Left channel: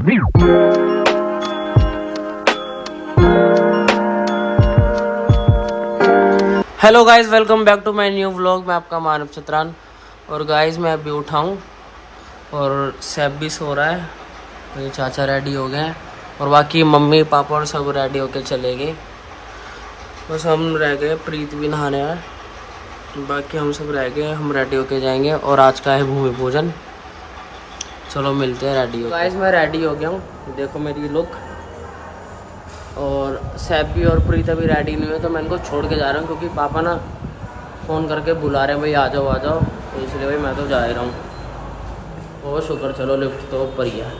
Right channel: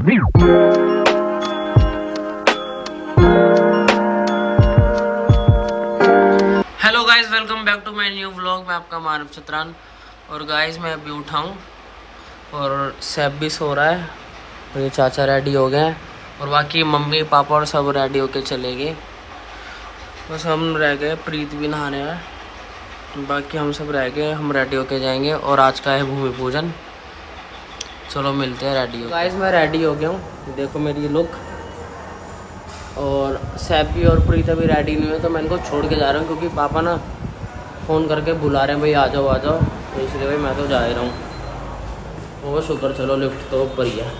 Hello guys, welcome back to my new vlog. मैं आपका मानव चतरान। और गाइस मैं अभी उठा हूँ और सैफ भी सो रहा है। तो ये चाचा रेडी हो गए हैं और बाकी मम्मी पापा और सब रेडी होके चले गए। बस हम रह गए, प्रीत भी नहाने आए, बाकी हम सब रह गए। हम रेडी होके जाएंगे और आज का है भूमि पूजन। चलो मिलते हैं रेडी हो। गाइस मैं रेडी हो गया हूँ, देखो मेरी लुक। और सैफ भी और प्रीता भी रेडी नहीं हुए, तो मैं इनको छोड़ के जा रहा हूँ क्योंकि पापा ना फ़ोन करके बुला रहे हैं, भाई आ जाओ आ जाओ। तो इसलिए भाई मैं तो जा ही रहा हूँ। और शुक्र, चलो लिफ्ट तो ऊपर ही है।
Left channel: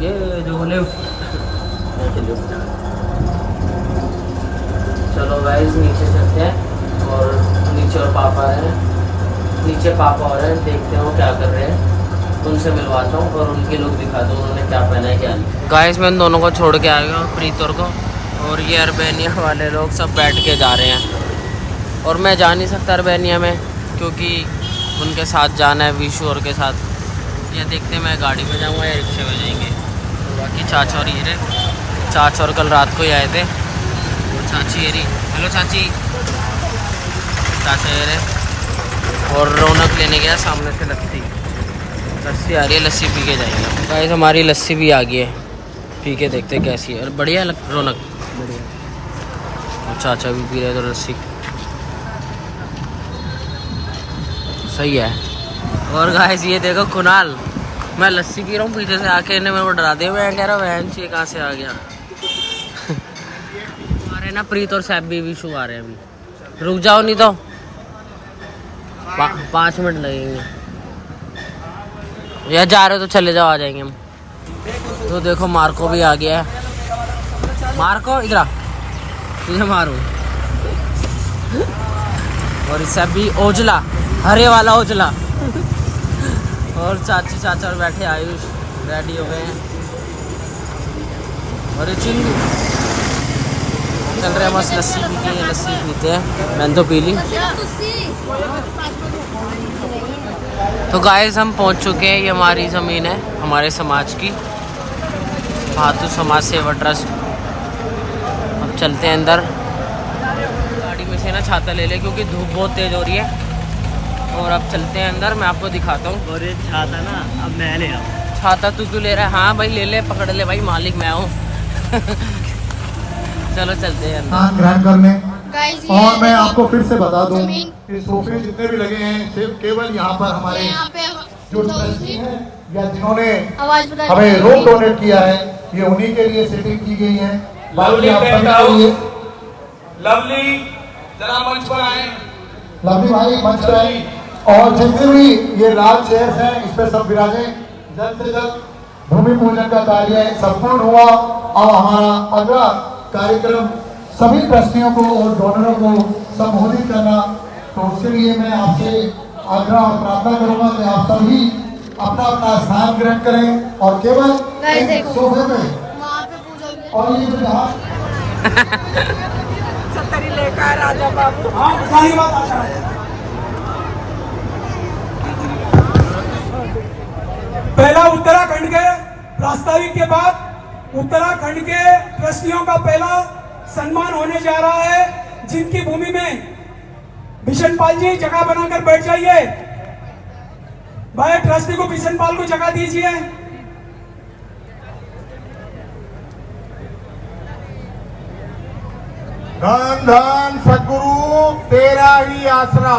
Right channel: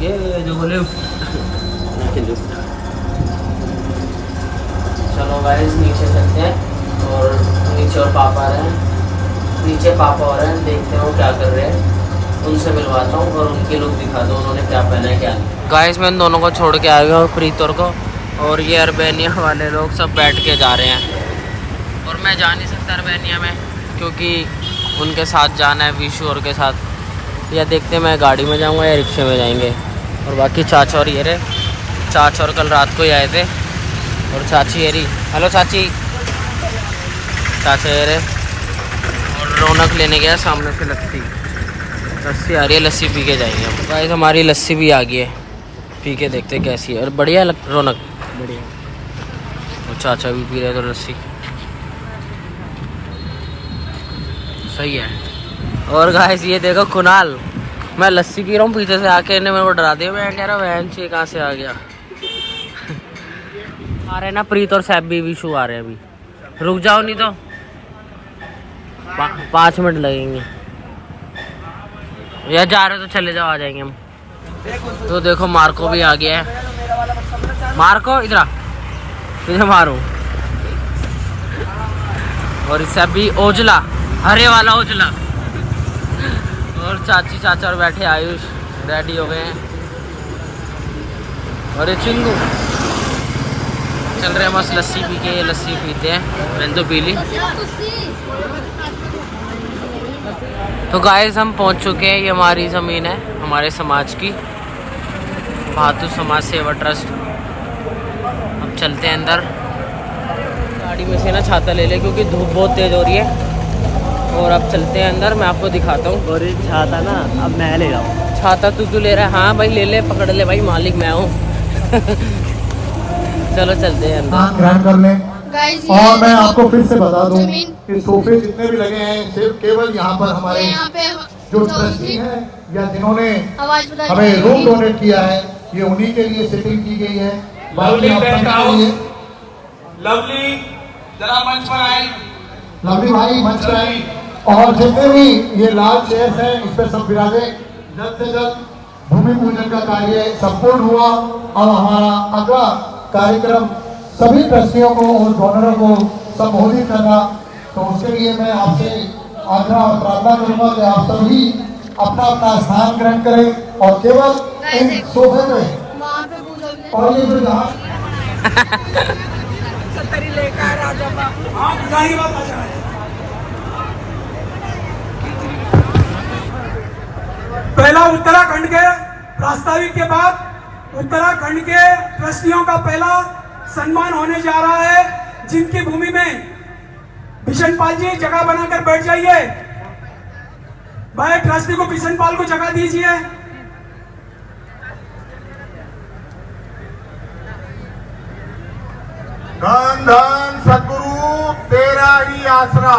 ये जो लिफ्ट चलो गाइस नीचे चलते हैं। और नीचे और पापा आ रहे हैं, नीचे पापा आ रहे हैं, देखते हैं वो क्या कर रहे हैं। उनसे मिलवाता हूँ और उनकी लुक दिखा दो, उन्होंने क्या पहना है क्या नहीं। गाइस मैं इन दोनों को छोड़ के आ गया हूँ, प्रीतोर को। और ये अर्बेनिया वाले लोग सब बैठ के जा रहे हैं और मैं जा नहीं सकता अर्बेनिया में क्योंकि उनके साथ जाना है विशु और के साथ। या देखते हैं मैं गाड़ी में जाऊँगा या रिक्शे में जाएंगे। और बाकी चाचा और ये रहे, चाचा और कल रात को ही आए थे। और चाची ये रही, हेलो चाची। चाचा ये रहे। और रौनक लेने गया सामने से लस्सी आ रही है, लस्सी पी के जाएंगे हम। गाइस हमारी लस्सी भी आ गई है, पी के देखते कैसी है। और बढ़िया रौनक, बढ़िया। और चाचा भी पी रहे तो लस्सी सही है। और गाइस ये देखो कुणाल, मैं लस्सी पी रहा हूँ, पीछे से आके इन्हें मेरे को डरा दिया। मैं कह रहा वैन से कहाँ से आ गया। आ रहे हैं ना प्रीत और सैफ भी, विशु आ रहे हैं अभी। रुक जाओ नहीं तो 5 मिनट लगेंगे। या जा रहे हो तो चले जाओ, आ जाएंगे हम। तो देखो मार्को भी आ गया है। मार्को इधर आ, तुझे मारूं। और इससे भी ओजला, हरे वाला ओजला। और चाची चाचा और बैठे आयुष रेडी हो गए हैं। और ये चिंगू चल रहे हैं बस लस्सी पी के। लस्सी पीते हैं, मैंने तो पी ली। तो गाइस हम पहुंच चुके हैं, ये हमारी ज़मीन है, हमारे समाज की, भातु समाज सेवा ट्रस्ट। अब चलते हैं अंदर। गाड़ी में से ना छाता ले ले क्योंकि धूप बहुत तेज़ हो रही है। और अब चलते हैं अंदर, मैं आपको दिखाता हूँ। और ये छाता ना अब मैं ले रहा हूँ। छाता तू क्यों ले रहा है? हाँ भाई ले ले, पकड़ ले भाई, मालिक मैं हूँ। चलो चलते हैं अंदर। ग्रहण कर लें। और मैं आपको फिर से बता दूं कि सोफे जितने भी लगे हैं सिर्फ केवल यहाँ पर हमारे जो ट्रस्टी हैं या जिन्होंने हमें रूम डोनेट किया है, ये उन्हीं के लिए सेटिंग की गई है। लवली जरा मंच पर आए। लवली भाई मंच पर आए। और जितने भी ये लाल चेयर्स हैं इस पर सब विराजे। जल्द से जल्द भूमि पूजन का कार्य संपूर्ण हुआ और हमारा अगला कार्यक्रम सभी ट्रस्टियों को और डोनरों को संबोधित करना। तो उसके लिए मैं आपसे आग्रह और प्रार्थना करूंगा कि आप सभी अपना अपना स्थान ग्रहण करें और केवल एक सोफे पे। और ये जो जहां पहला उत्तराखंड के प्रस्तावित के बाद उत्तराखंड के ट्रस्टियों का पहला सम्मान होने जा रहा है, जिनकी भूमि में बिशन पाल जी जगह बनाकर बैठ जाइए। भाई ट्रस्टी को बिशन पाल को जगह दीजिए। धन धन सद्गुरु तेरा ही आसरा।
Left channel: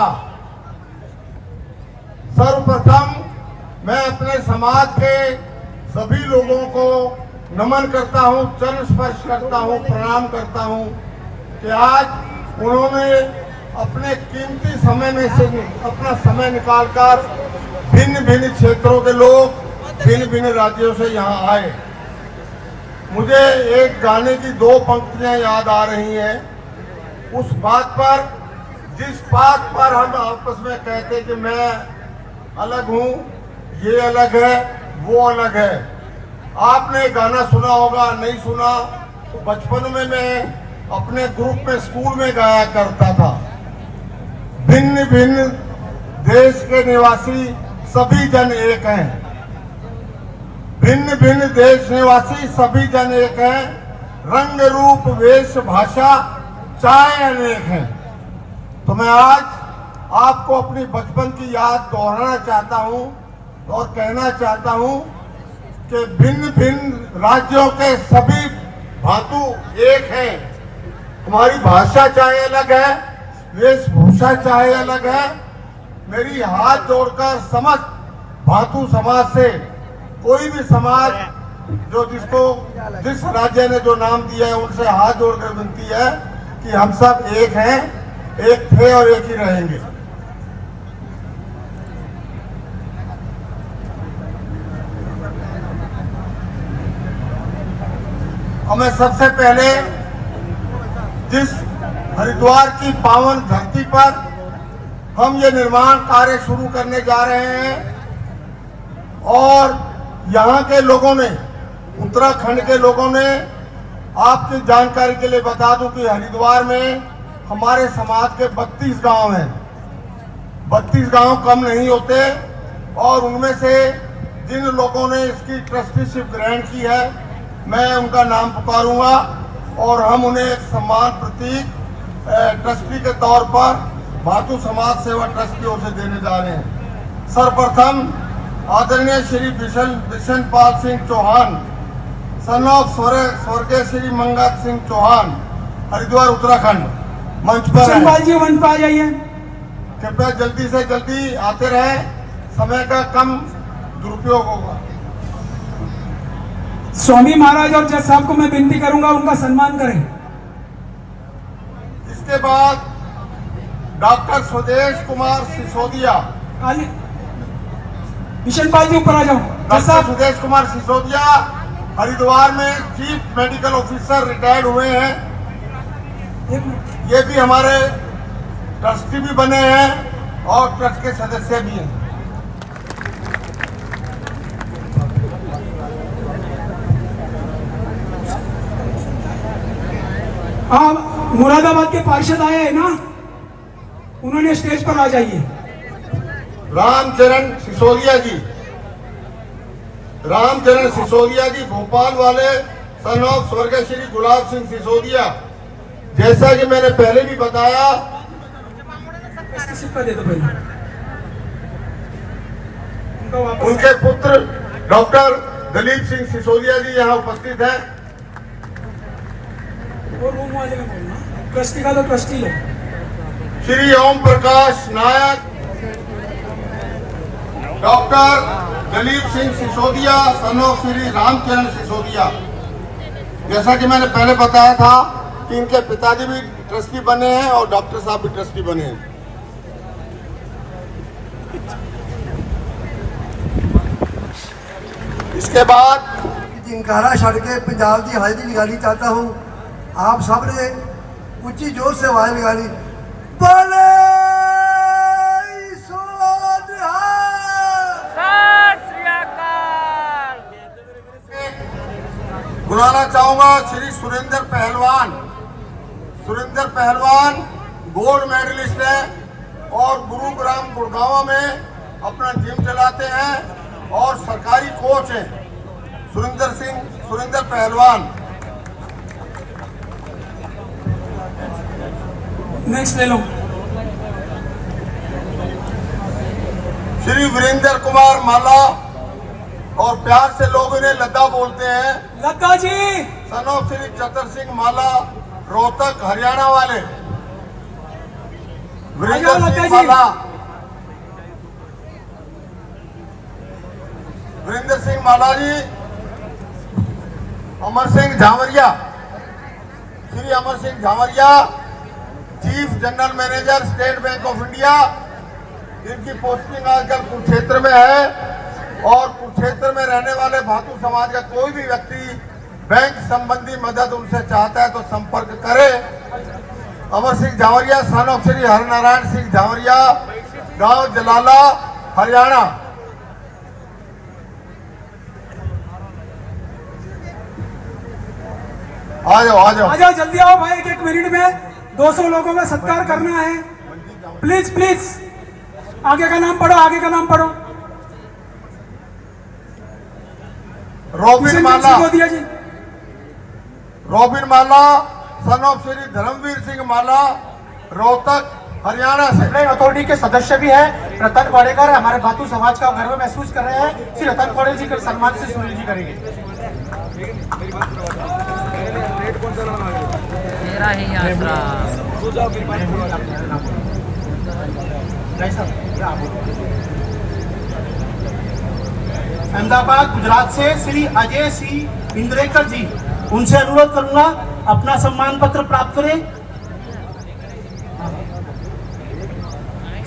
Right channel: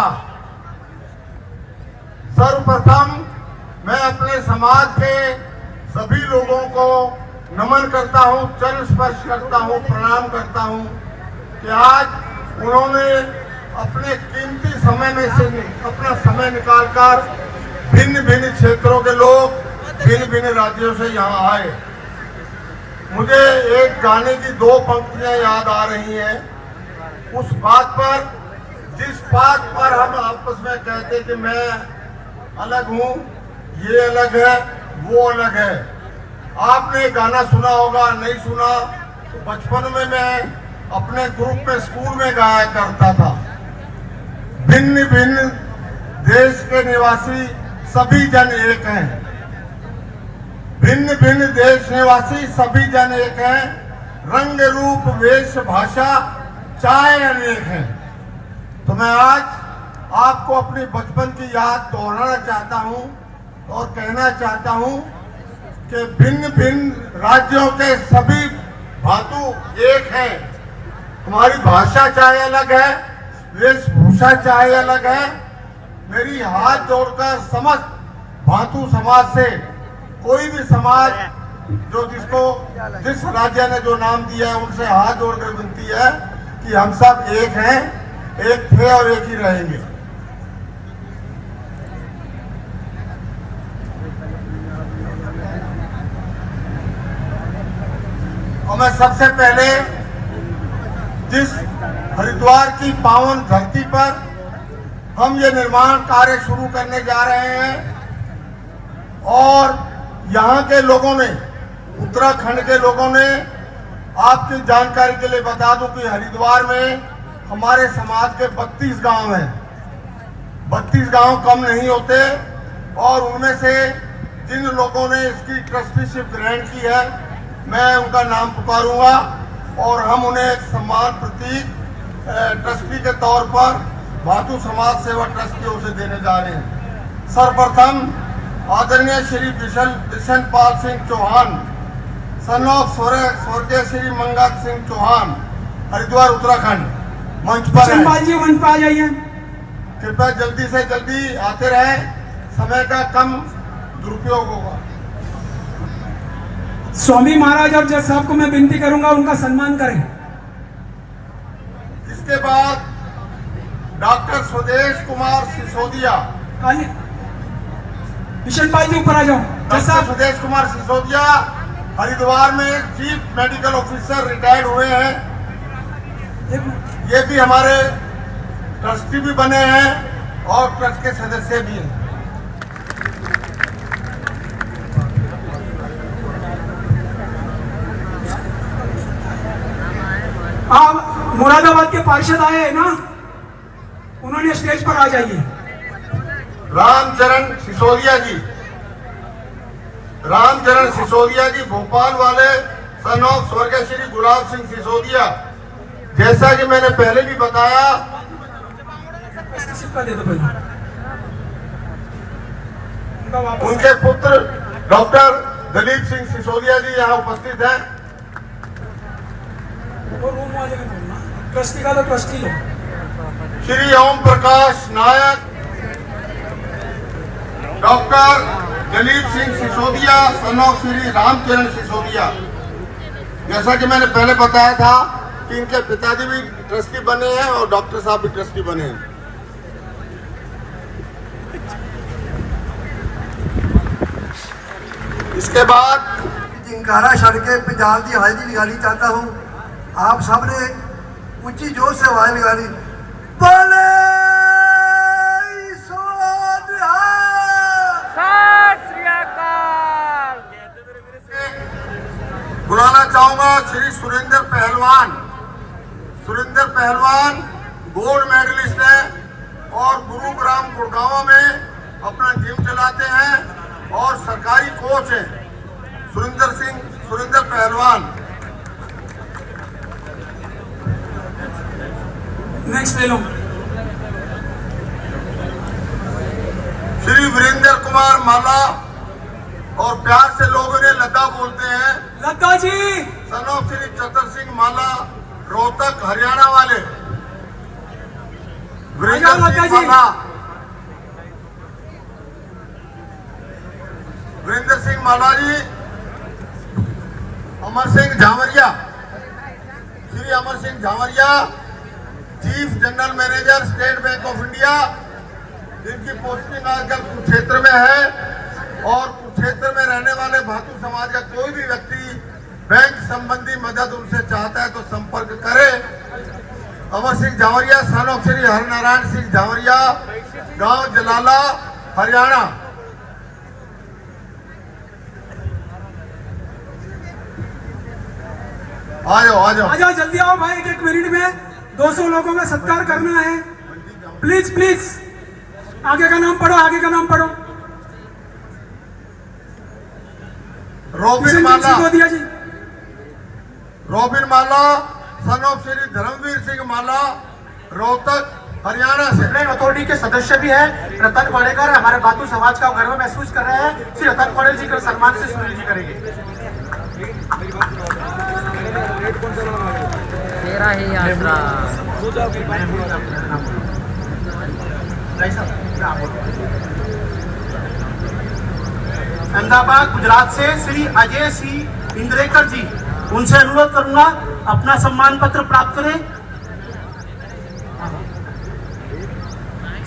सर्वप्रथम मैं अपने समाज के सभी लोगों को नमन करता हूं, चरण स्पर्श करता हूं, प्रणाम करता हूं कि आज उन्होंने अपने कीमती समय में से अपना समय निकालकर भिन्न भिन्न क्षेत्रों के लोग भिन्न भिन्न राज्यों से यहाँ आए। मुझे एक गाने की 2 पंक्तियां याद आ रही हैं। उस बात पर, जिस बात पर हम आपस में कहते कि मैं अलग हूँ, ये अलग है, वो अलग है। आपने गाना सुना होगा, नहीं सुना तो बचपन में मैं अपने ग्रुप में स्कूल में गाया करता था। भिन्न भिन्न देश के निवासी सभी जन एक हैं। भिन्न भिन्न देश निवासी सभी जन एक हैं। रंग रूप वेश भाषा चाहे अनेक हैं। तो मैं आज आपको अपनी बचपन की याद दोहराना चाहता हूं और कहना चाहता हूं कि भिन्न भिन्न राज्यों के सभी भातु एक हैं। हमारी भाषा चाहे अलग है, वेशभूषा चाहे अलग है। मेरी हाथ जोड़कर समस्त भातु समाज से, कोई भी समाज जो जिस राज्य ने जो नाम दिया है उनसे हाथ जोड़कर विनती है कि हम सब एक हैं, एक थे और एक ही रहेंगे। और मैं सबसे पहले जिस हरिद्वार की पावन धरती पर हम ये निर्माण कार्य शुरू करने जा रहे हैं और यहाँ के लोगों ने, उत्तराखंड के लोगों ने, आपकी जानकारी के लिए बता दूं कि हरिद्वार में हमारे समाज के 32 गांव हैं। 32 गांव कम नहीं होते और उनमें से जिन लोगों ने इसकी ट्रस्टीशिप ग्रहण की है मैं उनका नाम पुकारूंगा और हम उन्हें एक सम्मान प्रतीक ट्रस्टी के तौर पर भातु समाज सेवा ट्रस्ट की ओर से देने जा रहे हैं। सर्वप्रथम आदरणीय श्री बिशन पाल सिंह चौहान, सन ऑफ स्वर्गीय श्री मंगत सिंह चौहान, हरिद्वार उत्तराखंड, मंच पर जी मंच पर आ जाइए। कृपया जल्दी से जल्दी आते रहे, समय का कम दुरुपयोग होगा। स्वामी महाराज और जज साहब को मैं विनती करूंगा उनका सम्मान करें। इसके बाद डॉक्टर स्वदेश कुमार सिसोदिया, बिशन पाल जी ऊपर आ जाओ। डॉक्टर स्वदेश कुमार सिसोदिया हरिद्वार में चीफ मेडिकल ऑफिसर रिटायर्ड हुए हैं। ये भी हमारे ट्रस्टी भी बने हैं और ट्रस्ट के सदस्य भी हैं। हाँ, मुरादाबाद के पार्षद आए हैं ना, उन्होंने स्टेज पर आ जाइए। रामचरण सिसोदिया जी, रामचरण सिसोदिया जी भोपाल वाले, सन ऑफ स्वर्गीय श्री गुलाब सिंह सिसोदिया। जैसा कि मैंने पहले भी बताया, दे दो पहले। उनके पुत्र डॉक्टर दलीप सिंह सिसोदिया जी यहाँ उपस्थित हैं। ट्रस्टी का तो ट्रस्टी है। Shri Om Prakash Nayak, doctor Dalip Singh Sisodia, son of Shri Ramcharan Sisodia. जैसा कि मैंने पहले बताया था कि इनके पिताजी भी ट्रस्टी बने हैं और डॉक्टर साहब भी ट्रस्टी बने हैं। इसके बाद जिनकारा छड़ के पंजाब की हाजरी लगानी चाहता हूँ। आप सब ने ऊंची जोर से आवाज लगानी। बुलाना चाहूंगा श्री सुरेंद्र पहलवान। सुरेंद्र पहलवान गोल्ड मेडलिस्ट है और गुरुग्राम गुड़गांव में अपना जिम चलाते हैं और सरकारी कोच है। सुरेंद्र पहलवान। नेक्स्ट ले लो। श्री वीरेंद्र कुमार माला, और प्यार से लोग इन्हें लता बोलते हैं। लता जी। सन ऑफ श्री चतर सिंह माला, रोहतक हरियाणा वाले। Virendra Singh Mala, Virendra Singh Mala ji. Amar Singh Jhavaria, Shri Amar Singh Jhavaria, chief general manager State Bank of India. इनकी पोस्टिंग आजकल कुरुक्षेत्र में है और कुरुक्षेत्र में रहने वाले भातु समाज का कोई भी व्यक्ति बैंक संबंधी मदद उनसे चाहता है तो संपर्क करे। अमर सिंह झावरिया, सन ऑफ श्री हरनारायण सिंह झावरिया, गांव जलाला, हरियाणा। आ जाओ जल्दी आओ भाई, एक मिनट में 200 लोगों का सत्कार करना है। प्लीज प्लीज आगे का नाम पढ़ो, आगे का नाम पढ़ो। रॉबिन माला, को दिया जी। Robin Mala son of Shri Dharamvir Singh Mala, Rohtak Haryana से। प्लेन अथॉरिटी के सदस्य भी है रतन वाडेकर, हमारे भातु समाज का गर्व महसूस कर रहे हैं। श्री रतन वाडेकर जी के सम्मान से सुनील जी करेंगे। तेरा ही यात्रा। अहमदाबाद गुजरात से श्री अजय सिंह इंद्रेकर जी, उनसे अनुरोध करूंगा अपना सम्मान पत्र प्राप्त करें।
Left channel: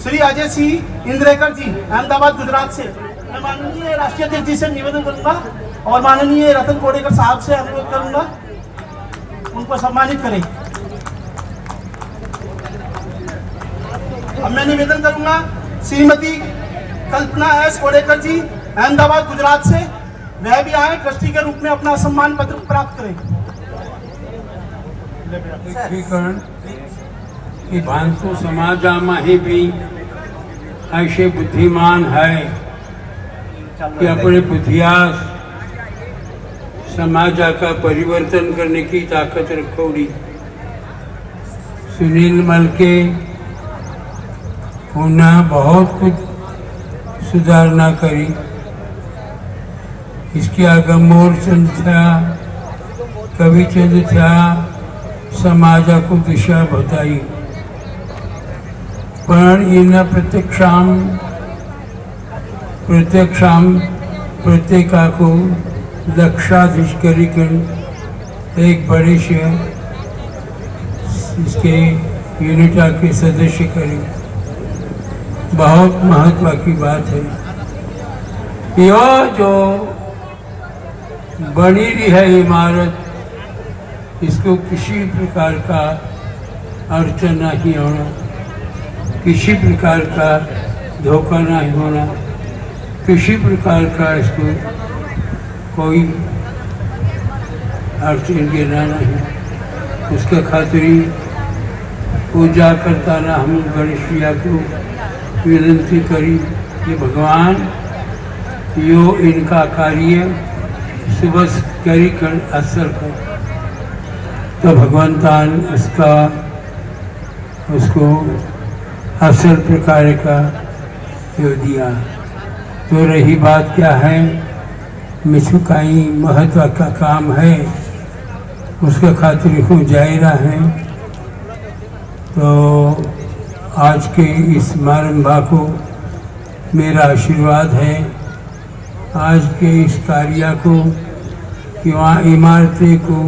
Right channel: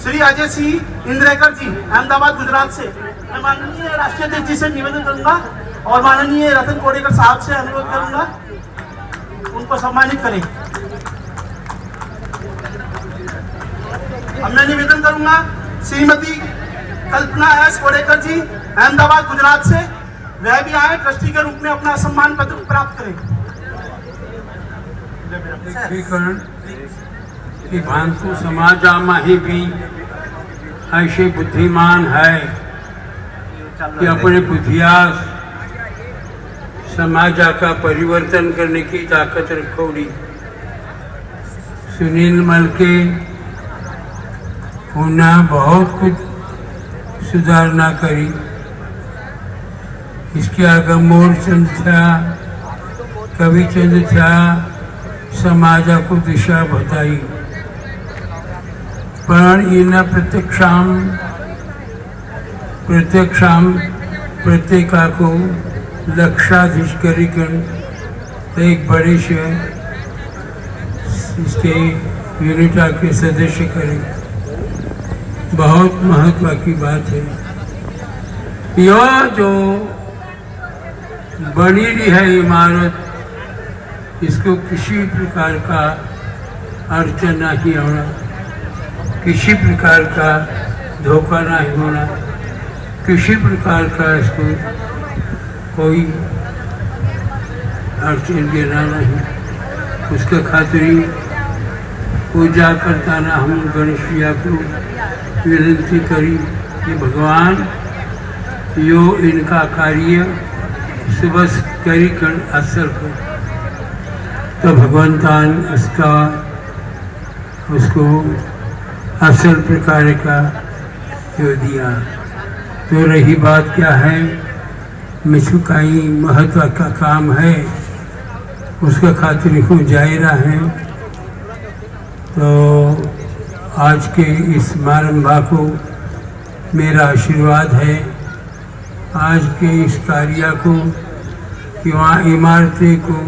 श्री अजय सिंह इंद्रेकर जी अहमदाबाद गुजरात से। मैं माननीय राष्ट्रीय अध्यक्ष जी से निवेदन करूंगा और माननीय रतन कोडेकर साहब से अनुरोध करूंगा उनको सम्मानित करें। अब मैं निवेदन करूंगा श्रीमती कल्पना एस कोडेकर जी अहमदाबाद गुजरात से, वह भी आए ट्रस्टी के रूप में अपना सम्मान पत्र प्राप्त करें। कि भांतु समाजामाही भी ऐसे बुद्धिमान है कि अपने बुद्धियास समाजा का परिवर्तन करने की ताकत रखोड़ी। सुनील मलके उन्हें बहुत कुछ सुधारना करी। इसके आगे मोरचंद था, कविचंद था, समाजा को दिशा बताई। पर इन प्रत्येका को लक्षाधीश कर एक बड़े से इसके यूनिटा के सदस्य करें। बहुत महत्व की बात है। यह जो बनी रही है इमारत, इसको किसी प्रकार का अड़चन नहीं होना, किसी प्रकार का धोखा नहीं होना, किसी प्रकार का इसको कोई अड़चन गिरना नहीं। उसके खातिर पूजा करता ना हम गणेश भैया को विनती करी कि भगवान यो इनका कार्य सुबह करी कर असर कर, तो भगवंतान उसको असल प्रकार का यो दिया। तो रही बात क्या है, मिसुकाई महत्व का काम है, उसके खातिर हूँ जायरा है। तो आज के इस समारंभा को मेरा आशीर्वाद है। आज के इस कार्य को कि वहाँ इमारतें को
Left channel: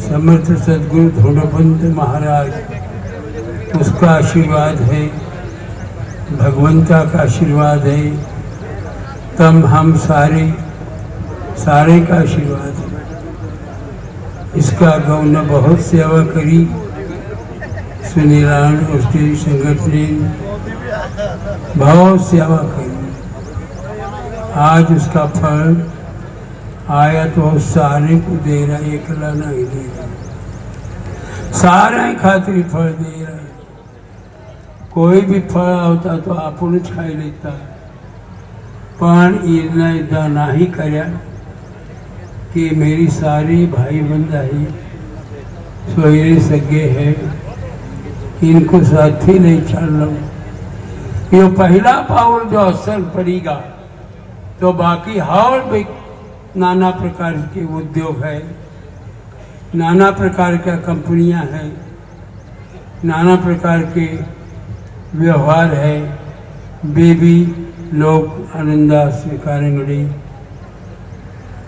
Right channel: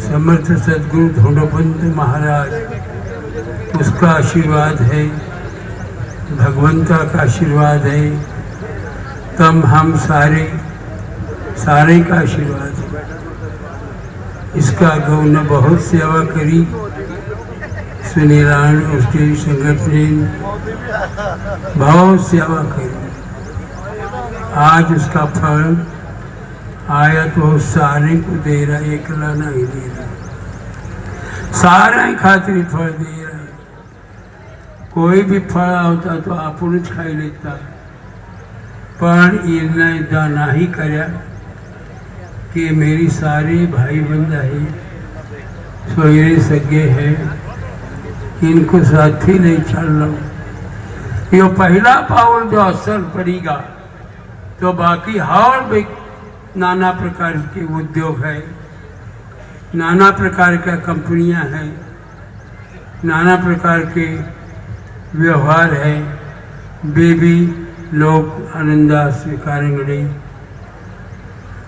समर्थ सदगुरु धोंडोपंत महाराज उसका आशीर्वाद है, भगवंता का आशीर्वाद है, तम हम सारे का आशीर्वाद है। इसका गौ ने बहुत सेवा करी, सुनीलान उसके संगठन ने बहुत सेवा करी। आज उसका फल आया तो सारे को दे रहा, एकला नहीं दे रहा, सारे खातिर फल दे रहा। कोई भी फल होता तो अपन खाई लेता, पर इन्हें इदा नहीं करया कि मेरी सारी भाई बंदा है, सोयरे सगे है, इनको साथी नहीं चलना। ये पहला पावर जो असर पड़ेगा तो बाकी और भी नाना प्रकार के उद्योग है, नाना प्रकार का कंपनियां हैं, नाना प्रकार के व्यवहार है, वे भी लोग आनंदा स्वीकारेंगे।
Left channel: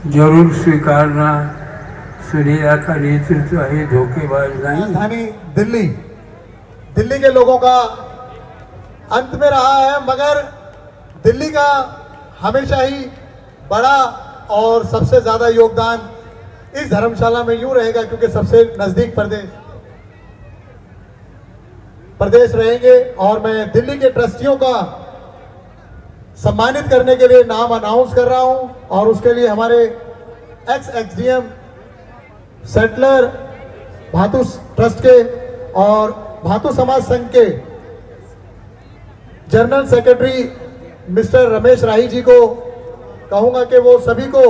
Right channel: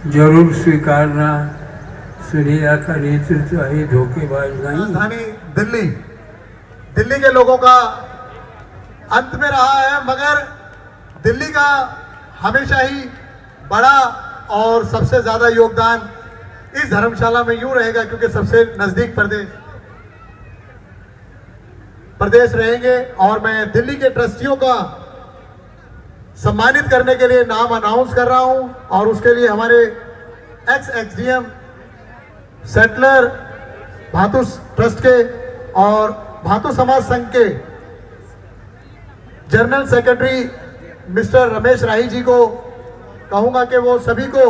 जरूर स्वीकारना। सुनीला का नेतृत्व है, धोखेबाज नहीं। राजधानी दिल्ली के लोगों का अंत में रहा है, मगर दिल्ली का हमेशा ही बड़ा और सबसे ज्यादा योगदान इस धर्मशाला में यूं रहेगा, क्योंकि सबसे नजदीक प्रदेश रहेंगे। और मैं दिल्ली के ट्रस्टियों का सम्मानित करने के लिए नाम अनाउंस कर रहा हूं, और उसके लिए हमारे एक्स एक्सडीएम सेटलर भातु ट्रस्ट के और भातु समाज संघ के जनरल सेक्रेटरी मिस्टर रमेश राही जी को कहूंगा कि वो सभी को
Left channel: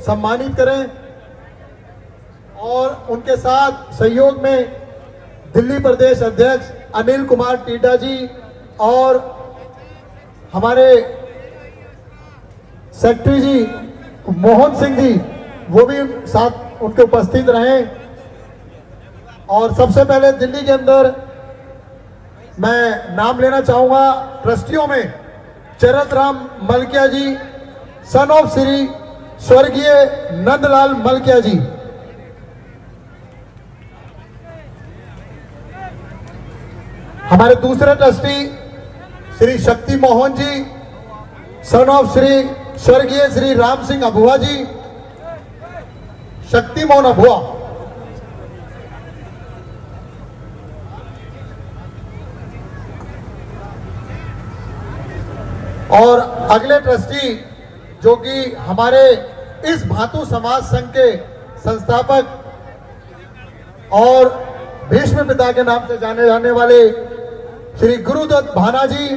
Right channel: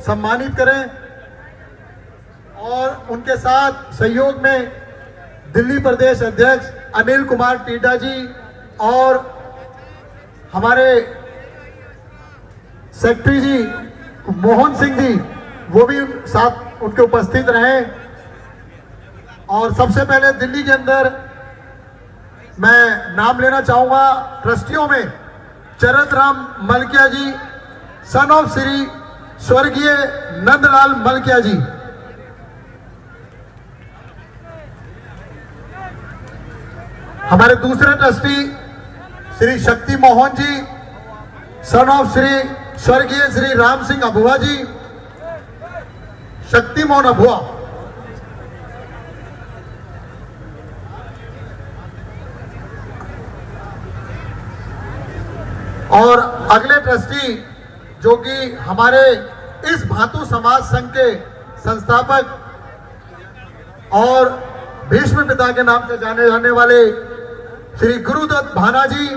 सम्मानित करें। और उनके साथ सहयोग में दिल्ली प्रदेश अध्यक्ष अनिल कुमार टीडा जी और हमारे सेक्रेटरी जी मोहन सिंह जी, वो भी साथ उनके उपस्थित रहे। और सबसे पहले दिल्ली के अंदर मैं नाम लेना चाहूंगा ट्रस्टियों में चरत Ram Malkiya ji, son of Shri स्वर्गीय नंदलाल मलकिया जी। हमारे दूसरे trustee Shri Shakti Mohan ji, son of Shri स्वर्गीय श्री राम सिंह अबुआ जी, शक्ति मोहन अबुआ। और अगले ट्रस्टी जो कि हमारे इस भातु समाज संघ के संस्थापक और भीष्म पिता के नाम से जाने जाने वाले श्री गुरुदत्त भाना जी,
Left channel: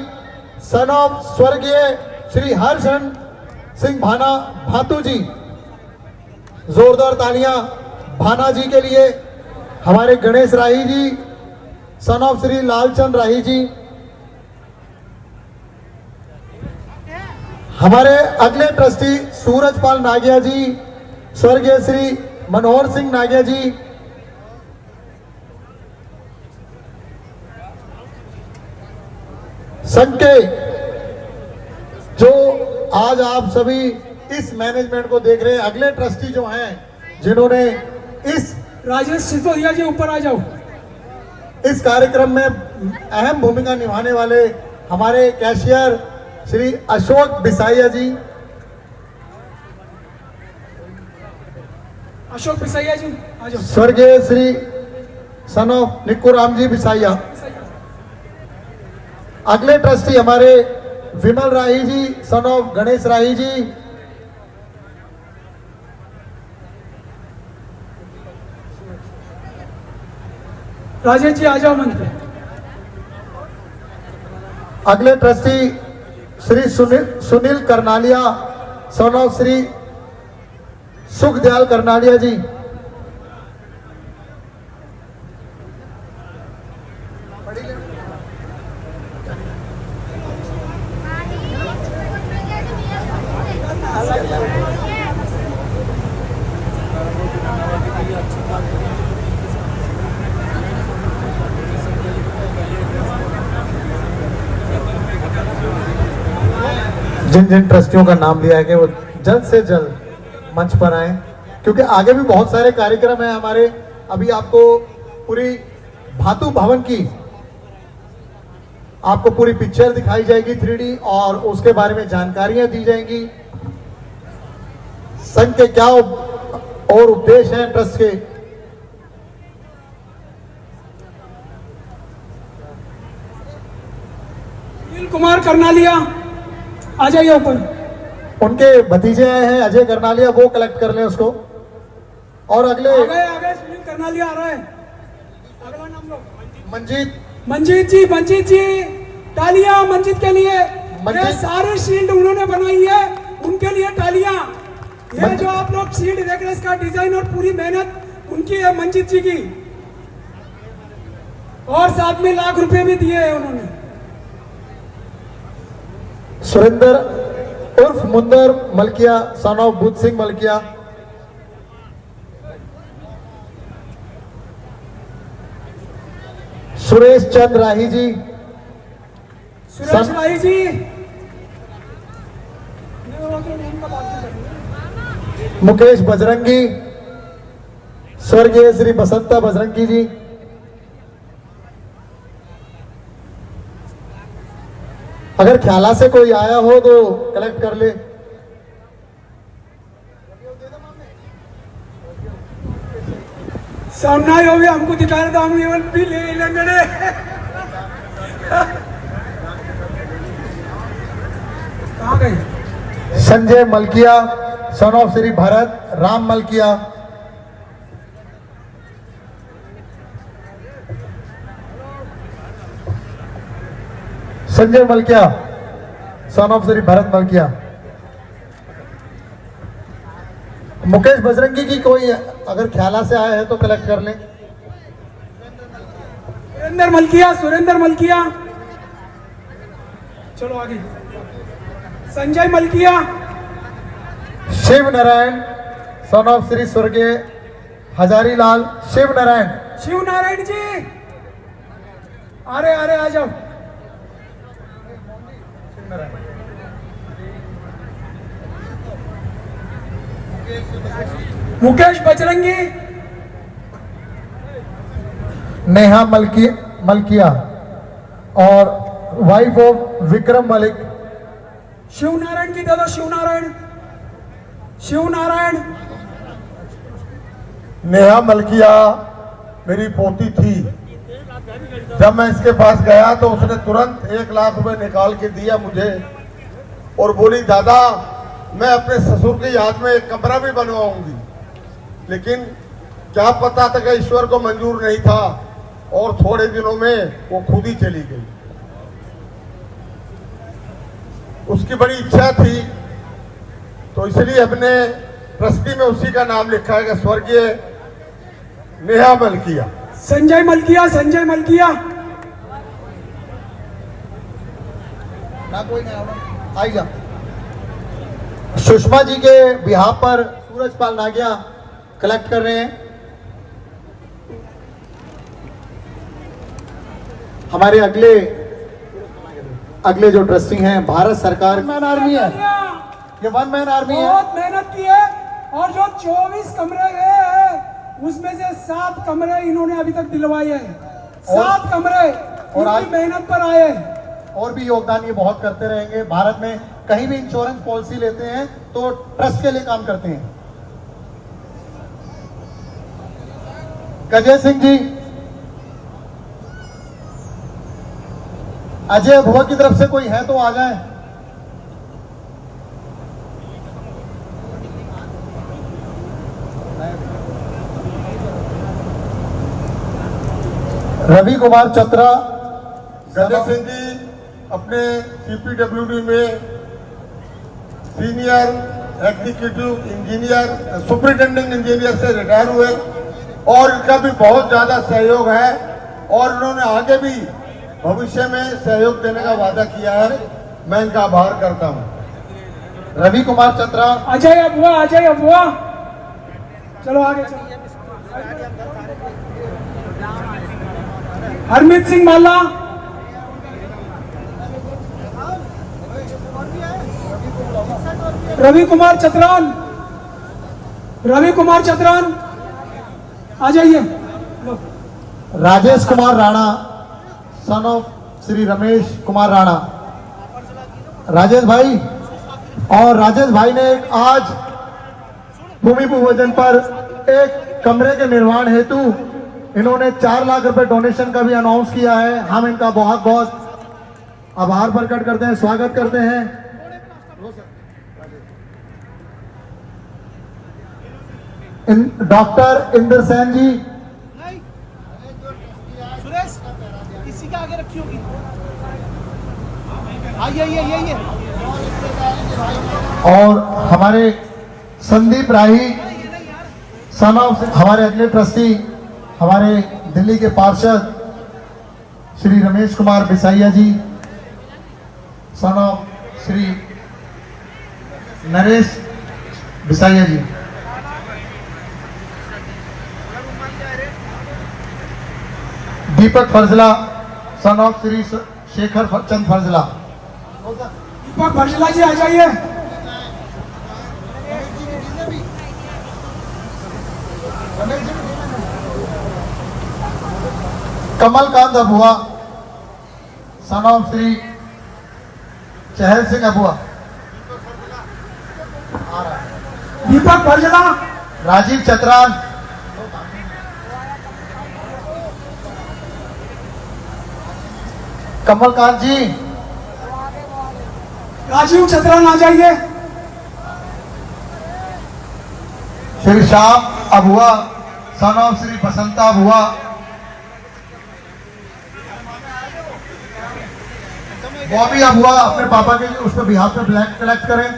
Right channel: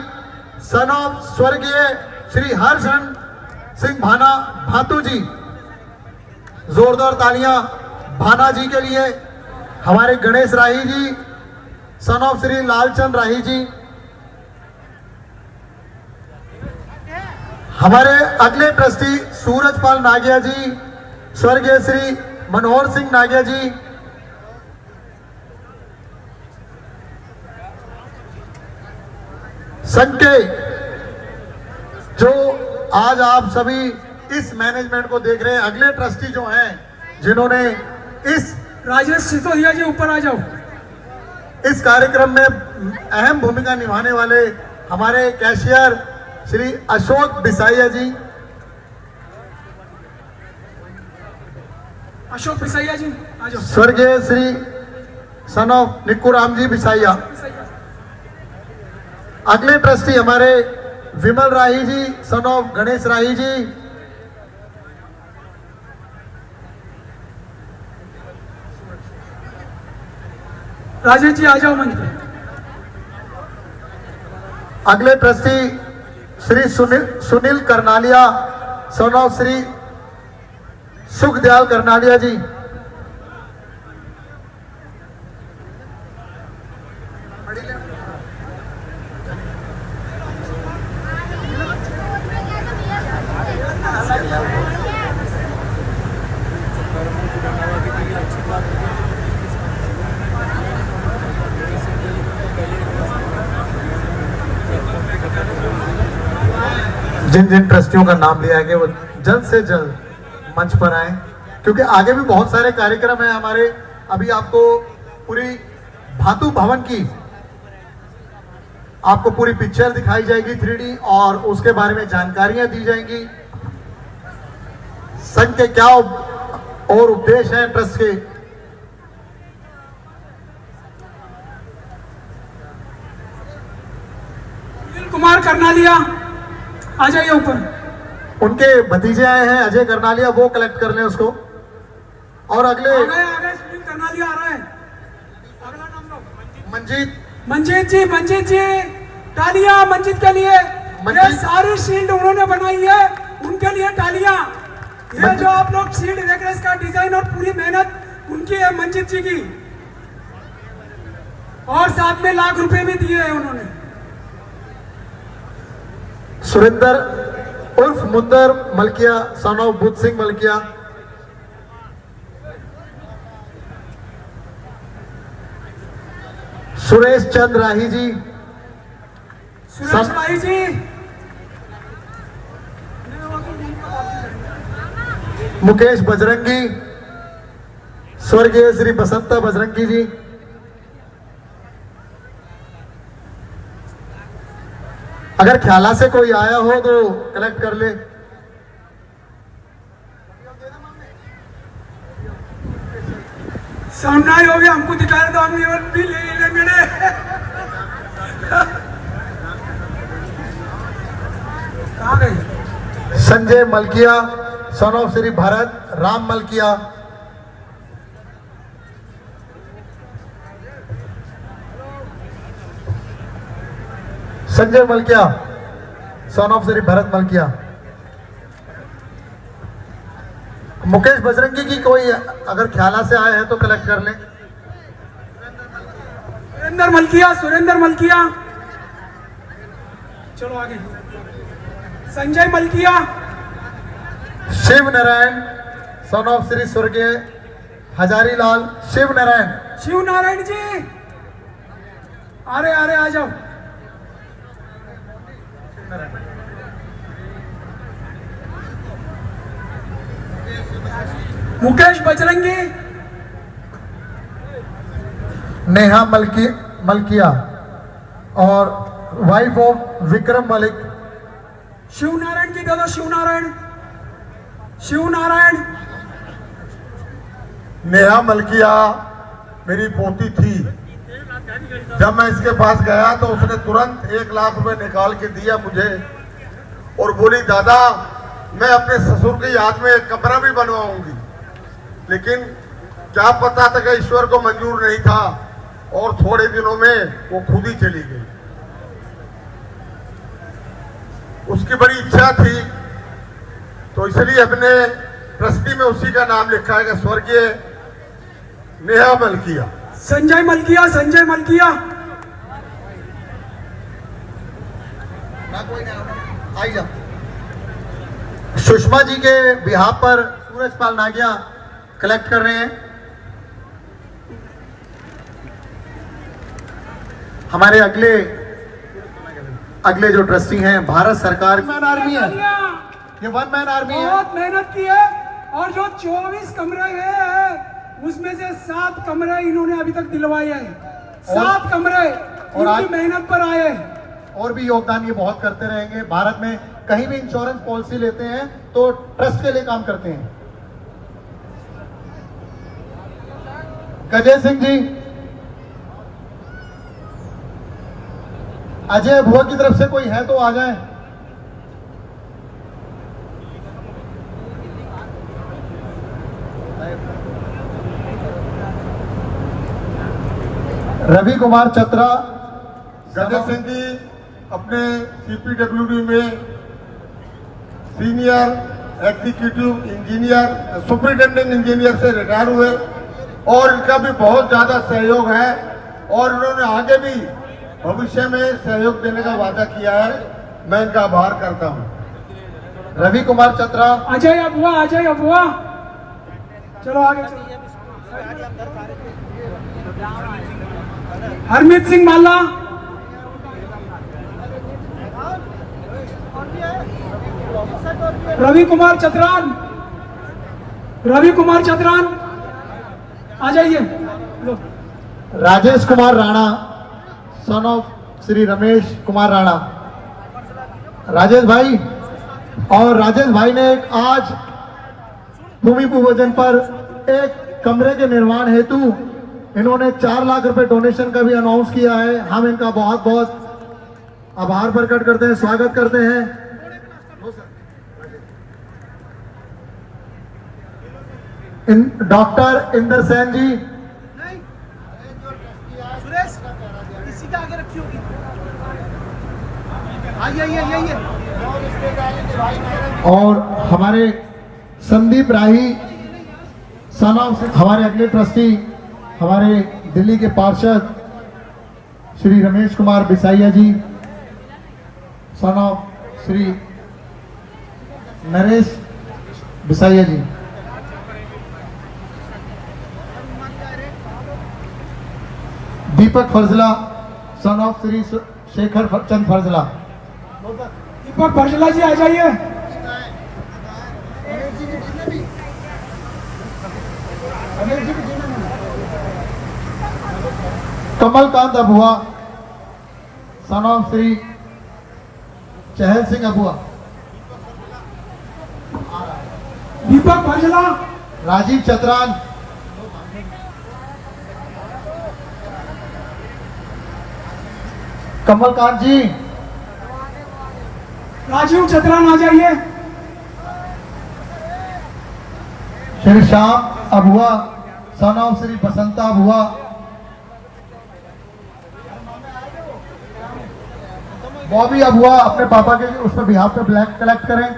सन ऑफ स्वर्गीय श्री हर्षन सिंह भाना भातु जी। जोरदार तालियां भाना जी के लिए। हमारे गणेश राही जी, सन ऑफ श्री लालचंद राही जी। हमारे अगले ट्रस्टी सूरजपाल नागिया जी, स्वर्गीय श्री मनोहर सिंह नागिया जी। संघ के जो आज आप सभी इस मैनेजमेंट को देख रहे हैं, अगले ट्रस्टी जो हैं जिन्होंने इस राजेश सिसोदिया जी ऊपर आ जाओ। इस कार्यक्रम में अहम भूमिका निभाने वाले हमारे कैशियर श्री अशोक बिसाइया जी। अशोक बिसाइया जी आ जाओ। स्वर्गीय श्री सन ऑफ निक्कू राम जी बिसाइया। अगले ट्रस्टी हमारे विमल राही जी, सन ऑफ गणेश राही जी। राजेश जी आ जाओ मंच पे। अगले trustee Shri Sunil Karnalia, son of Shri Sukhdayal Karnalia ji. जिन जिन ट्रस्टियों का नाम लिया गया वो जल्द से जल्द मंच पर आए, क्योंकि आगे भी बहुत सारे कार्यक्रम हैं हमारे। अभी आपको पूरी भातु भवन की आपको पूरी पिक्चर दिखाई जाएगी 3D, और उसके बारे में जानकारियां दी जाएंगी। संघ के क्या और उद्देश्य हैं ट्रस्ट के। सुनील कुमार करनालिया आ जाइए ऊपर। उनके भतीजे आए हैं अजय करनालिया, वो कलेक्ट कर लें उसको। और अगले आ गए सुनील करनालिया आ रहा है। अगला नाम लो। मंजीत मंजीत जी तालियां मंजीत के लिए। मंजीत। ये सारी शील्ड उन्होंने बनाई है, उनके लिए तालियां। ये जो आप लोग शील्ड देख रहे हैं, इसका डिजाइन और पूरी मेहनत उनकी है, मंजीत जी की। और साथ में लाख रुपए भी दिए हैं उन्होंने। सुरेंद्र उर्फ मुंदर Malkiya, son of Buddha Singh Malkiya. Suresh Chand राही जी, सुरेश राही जी। मुकेश बजरंगी, स्वर्गीय श्री बसंता बजरंगी जी। अगर ख्याला से कोई आया हो तो कलेक्ट कर ले। सामने आए हो गया, हमको दिखा रहे तो हम ये भी ले लेंगे। कहाँ गई? Sanjay Malkia, son of Shri Bharat Ram Malkia. Sanjay Malkia, son of Shri Bharat Malkia. Mukesh Bajrangi की कोई अगर ख्याला से आए हैं तो कलेक्ट कर लें। सुरेंद्र मलकिया, चलो आगे। Sanjay Malkiya, Shiv Narayan sun of Shri स्वर्गीय हजारी लाल शिव नारायण जी, अरे आ जाओ। मुकेश बजरंगी, नेहा मलकिया और वाइफ ऑफ विक्रम मलिक। शिव नारायण की दादा, शिव नारायण। नेहा मलकिया मेरी पोती थी। जब मैं इसके पास गया तो उसने तुरंत 1 लाख रुपए निकाल के दिया मुझे और बोली दादा मैं अपने ससुर की याद में एक कमरा भी बनवाऊंगी। लेकिन क्या पता था कि ईश्वर को मंजूर नहीं था और थोड़े दिनों में वो खुद ही चली गई। उसकी बड़ी इच्छा थी तो इसलिए अपने ट्रस्टी में उसी का नाम लिखा है कि स्वर्गीय नेहा मलकिया। संजय मलकिया। ना कोई नहीं आई जा। सुषमा जी के बिहार पर सूरजपाल नागिया कलेक्ट कर रहे हैं। हमारे अगले जो ट्रस्टी हैं भारत सरकार मैन आर्मी है, ये 1 मैन आर्मी है। बहुत मेहनत की है और जो 24 कमरे हैं उसमें से 7 कमरे इन्होंने अभी तक दिलवाए हैं। 7 कमरे इनकी मेहनत पर आए हैं। और भी योगदान ये बहुत करते रहेंगे। भारत में कहीं भी इंश्योरेंस पॉलिसी लेते हैं तो ट्रस्ट के लिए काम करते हैं। गजय सिंह जी, अजय अभुआ की तरफ से कोई है तो आ जाए। रवि कुमार चतरा। गजय सिंह जी अपने CPWD में senior executive engineer superintendent engineer से रिटायर हुए और इनका भी बहुत ज्यादा सहयोग है और इन्होंने आगे भी भविष्य में सहयोग देने का वादा किया है। मैं इनका आभार करता हूं। रवि कुमार चतरा। अजय अबुआ। चलो आगे। हरमीत सिंह माला। रवि कुमार चतरान आ जाइए। Rajesh Kumar Rana son of Shri Ramesh Kumar Rana. राजेश भाई ने आज भूमि पूजन पर एक कमरे के निर्माण हेतु इन्होंने 4 लाख रुपए डोनेशन का भी अनाउंस किया है। हम इनका बहुत बहुत आभार प्रकट करते हैं, स्वागत करते हैं। डॉक्टर इंदर सेन जी। सुरेश इसी का आगे रखी होगी। आइए। और हमारे संदीप राही सन ऑफ हमारे अगले ट्रस्टी हमारे दिल्ली के पार्षद Shri Ramesh Kumar Bisaiya ji son of Shri Naresh Bisaiya ji. Deepak Farjala son of Shri Shekhar Chand Farjala. Deepak Farjala ji आ जाइए। Kamalkant Abua son of Shri Chahal Singh Abua. दीपक फरजला। राजीव चतरान। कमलकांत जी। राजीव चतरान आ जाइए। Shri Shyam Abua son of Shri Basanta Abua. Bobby Abua अपने पापा के लिए उस पर बिहार पे ब्लैक कलेक्ट करें।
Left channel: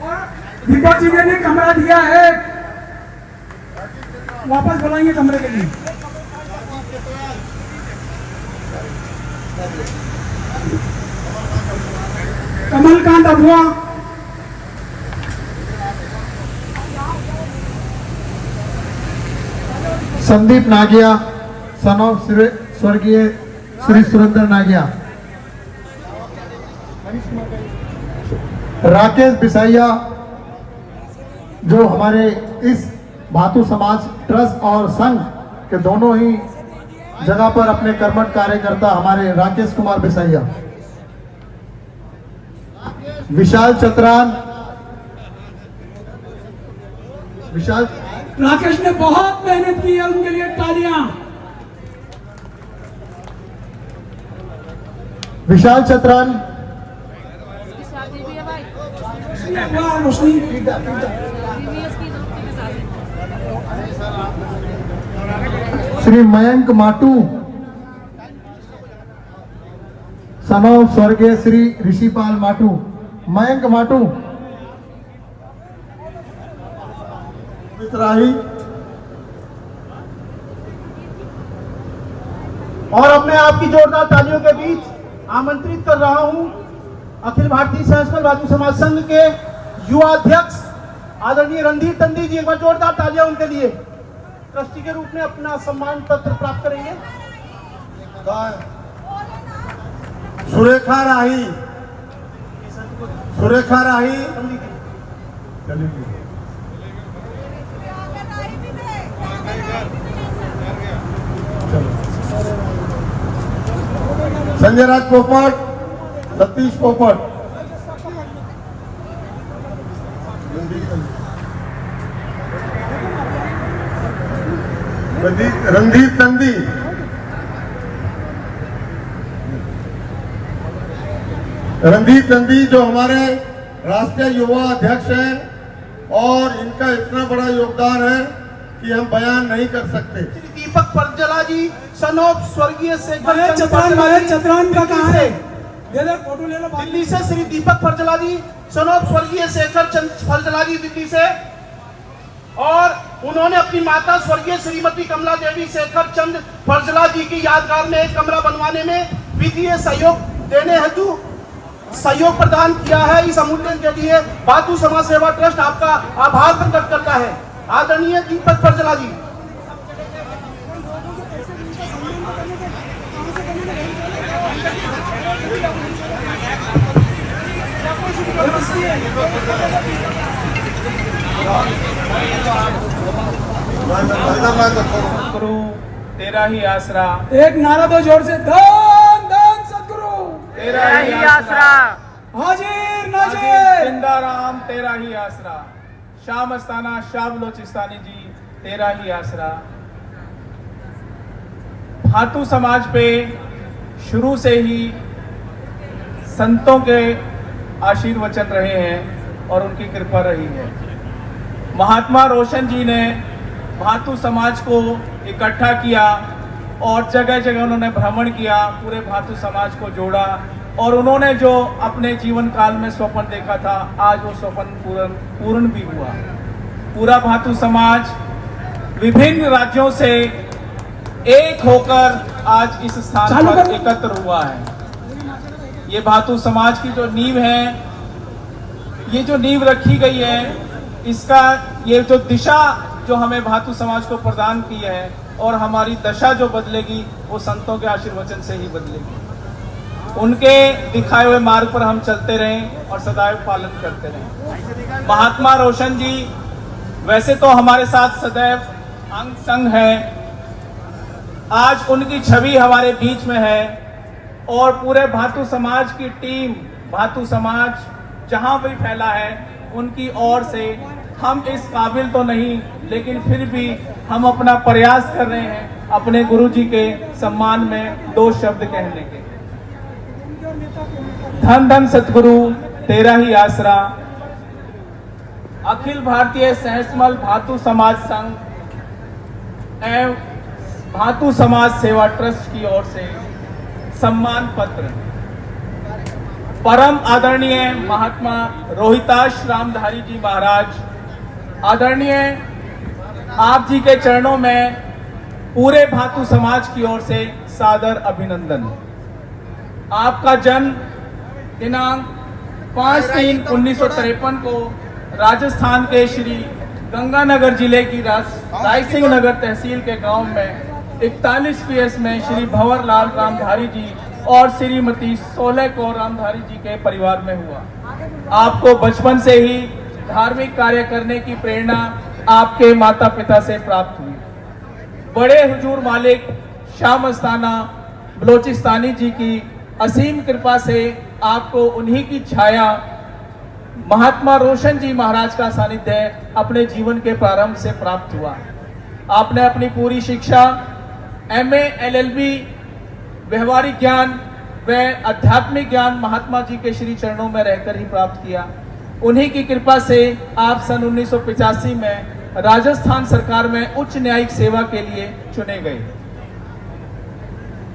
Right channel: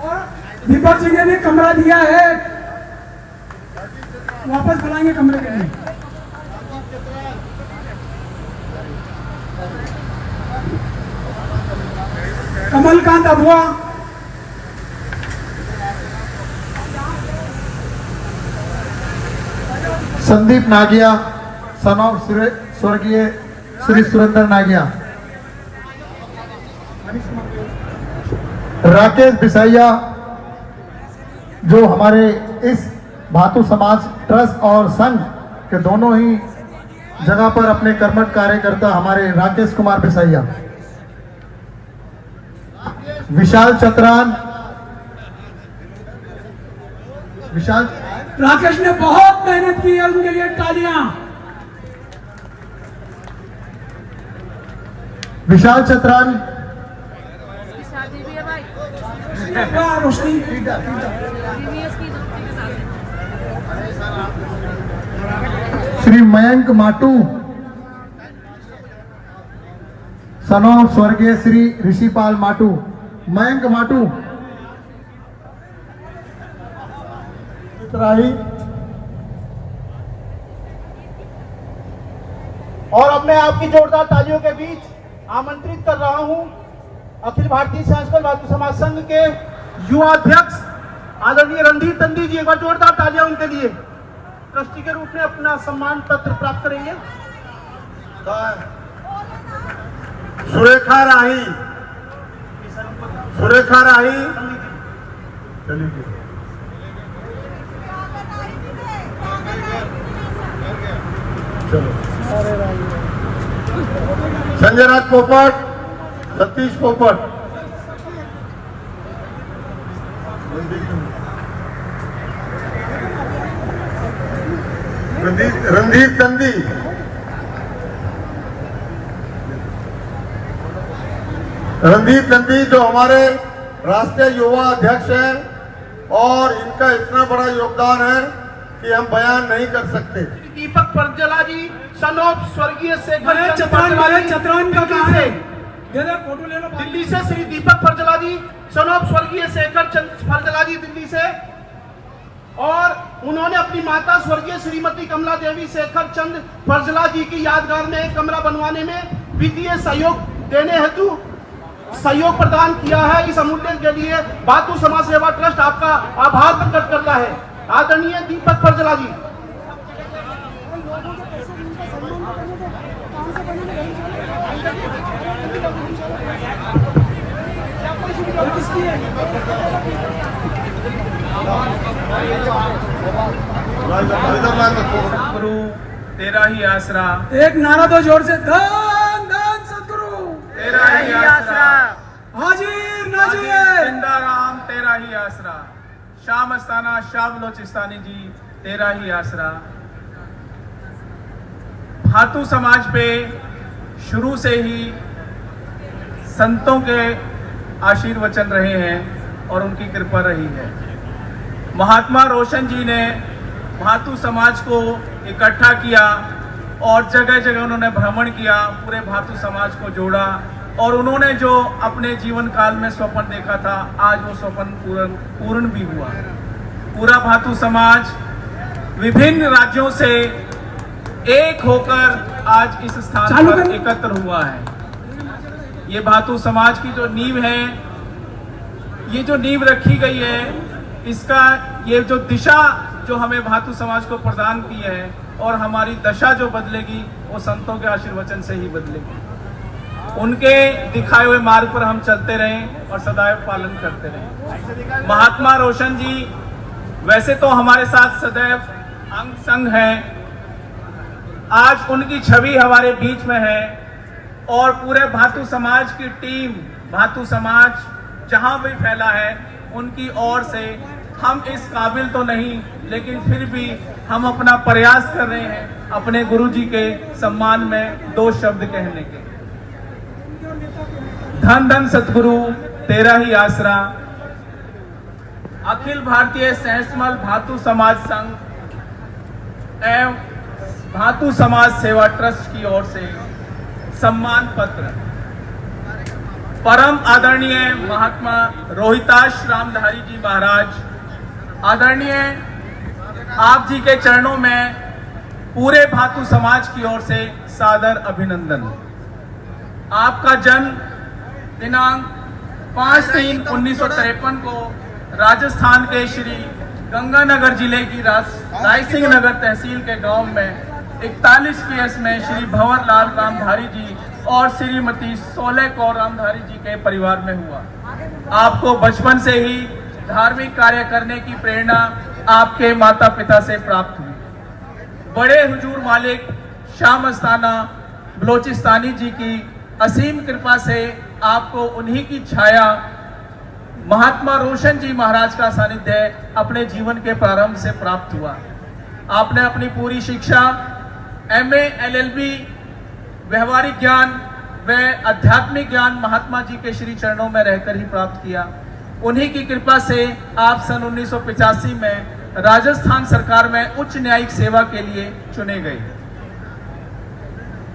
और दीपक जी ने भी कमरा दिया है, वापस बुलाएंगे कमरे के लिए। कमलकांत अबुआ, संदीप नागिया, सन ऑफ स्वर्गीय श्री सुरेंद्र नागिया। राकेश बिसैया, जो हमारे इस भातु समाज ट्रस्ट और संघ के दोनों ही जगह पर अपने कर्मठ कार्यकर्ता हमारे राकेश कुमार बिसैया। विशाल चतरान, विशाल राकेश ने बहुत मेहनत की है, उनके लिए तालियां। विशाल चतरान, रोशनी, श्री मयंक माटू, सन ऑफ स्वर्गीय श्री ऋषिपाल माटू। मयंक माटू, राही। और अब मैं आपकी जोरदार तालियों के बीच आमंत्रित कर रहा हूं अखिल भारतीय संस्कृत भातु समाज संघ के युवा अध्यक्ष आदरणीय रणधीर तंदी जी। एक बार जोरदार तालियां उनके लिए। ट्रस्टी के रूप में अपना सम्मान पत्र प्राप्त करेंगे। सुरेखा राही, सुरेखा राही चलेगी। संजय राज पोपट, सतीश पोपट, रणधीर तंदी, रणधीर तंदी जो हमारे राष्ट्रीय युवा अध्यक्ष हैं और इनका इतना बड़ा योगदान है कि हम बयान नहीं कर सकते। दीपक फरजला जी, सन ऑफ स्वर्गीय भारत चतरान का कहाँ है? फोटो ले लो। दिल्ली से श्री दीपक फरजला जी, सन ऑफ स्वर्गीय शेखर चंद फरजला जी दिल्ली से। और उन्होंने अपनी माता स्वर्गीय श्रीमती कमला देवी शेखर चंद फरजला जी की यादगार में एक कमरा बनवाने में वित्तीय सहयोग देने हेतु सहयोग प्रदान किया है। इस अमूल्य के लिए भातु समाज सेवा ट्रस्ट आपका आभार प्रकट करता है। आदरणीय दीपक फरजला जी। सतगुरु तेरा ही आसरा, एक नारा दो जोर से, धन धन सतगुरु तेरा ही आसरा, हाजिर नाजिर, जिंदा राम तेरा ही आसरा, शाम अस्ताना शाह बलोचिस्तानी जी तेरा ही आसरा। भातु समाज पे शुरू से ही संतों के आशीर्वचन रहे हैं और उनकी कृपा रही है। महात्मा रोशन जी ने भातु समाज को इकट्ठा किया और जगह जगह उन्होंने भ्रमण किया, पूरे भातु समाज को जोड़ा और उन्होंने जो अपने जीवन काल में स्वप्न देखा था, आज वो स्वप्न पूर्ण भी हुआ। पूरा भातु समाज विभिन्न राज्यों से एक होकर आज इस स्थान पर एकत्र हुआ है। ये भातु समाज की जो नींव है, ये जो नींव रखी गई है, इसका ये जो दिशा जो हमें भातु समाज को प्रदान की है और हमारी दशा जो बदलेगी वो संतों के आशीर्वचन से ही बदलेगी। उनके दिखाए हुए मार्ग पर हम चलते रहें और सदैव पालन करते रहें। महात्मा रोशन जी वैसे तो हमारे साथ सदैव अंग संग हैं, आज उनकी छवि हमारे बीच में है और पूरे भातु समाज की टीम, भातु समाज जहां भी फैला है, उनकी ओर से हम इस काबिल तो नहीं, लेकिन फिर भी हम अपना प्रयास कर रहे हैं अपने गुरुजी के सम्मान में दो शब्द कहने के। धन धन सतगुरु तेरा ही आसरा। अखिल भारतीय सहस्मल भातु समाज संघ एवं भातु समाज सेवा ट्रस्ट की ओर से सम्मान पत्र परम आदरणीय महात्मा रोहिताश रामधारी जी महाराज, आदरणीय आप जी के चरणों में पूरे भातु समाज की ओर से सादर अभिनंदन। आपका जन्म दिनांक 5/3/1953 को राजस्थान के श्री गंगानगर जिले की रायसिंह नगर तहसील के गांव में 41 PS में श्री भंवरलाल रामधारी जी और श्रीमती सोलह कौर रामधारी जी के परिवार में हुआ। आपको बचपन से ही धार्मिक कार्य करने की प्रेरणा आपके माता पिता से प्राप्त हुई। बड़े हुजूर मालिक शाह मस्ताना बलोचिस्तानी जी की असीम कृपा से आपको उन्हीं की छाया महात्मा रोशन जी महाराज का सानिध्य अपने जीवन के प्रारंभ से प्राप्त हुआ। आपने अपनी पूरी शिक्षा MA LLB व्यवहारिक ज्ञान व आध्यात्मिक ज्ञान महात्मा जी के श्री चरणों में रहकर ही प्राप्त किया। उन्हीं की कृपा से आप सन 1985 में राजस्थान सरकार में उच्च न्यायिक सेवा के लिए चुने गए।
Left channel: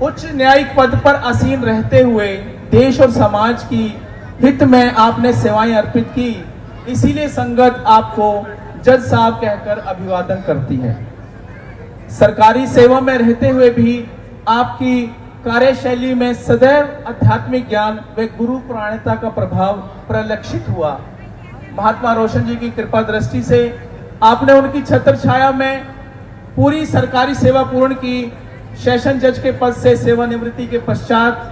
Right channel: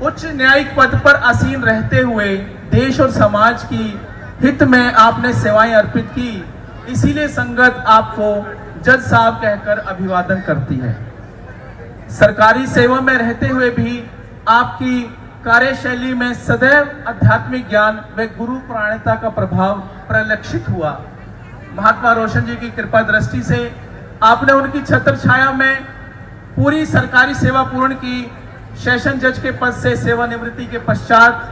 उच्च न्यायिक पद पर आसीन रहते हुए देश और समाज की हित में आपने सेवाएं अर्पित की, इसीलिए संगत आपको जज साहब कहकर अभिवादन करती है। सरकारी सेवा में रहते हुए भी आपकी कार्यशैली में सदैव आध्यात्मिक ज्ञान व गुरु पुराणिकता का प्रभाव परिलक्षित हुआ। महात्मा रोशन जी की कृपा दृष्टि से आपने उनकी छत्र छाया में पूरी सरकारी सेवा पूर्ण की। सेशन जज के पद से सेवानिवृत्ति के पश्चात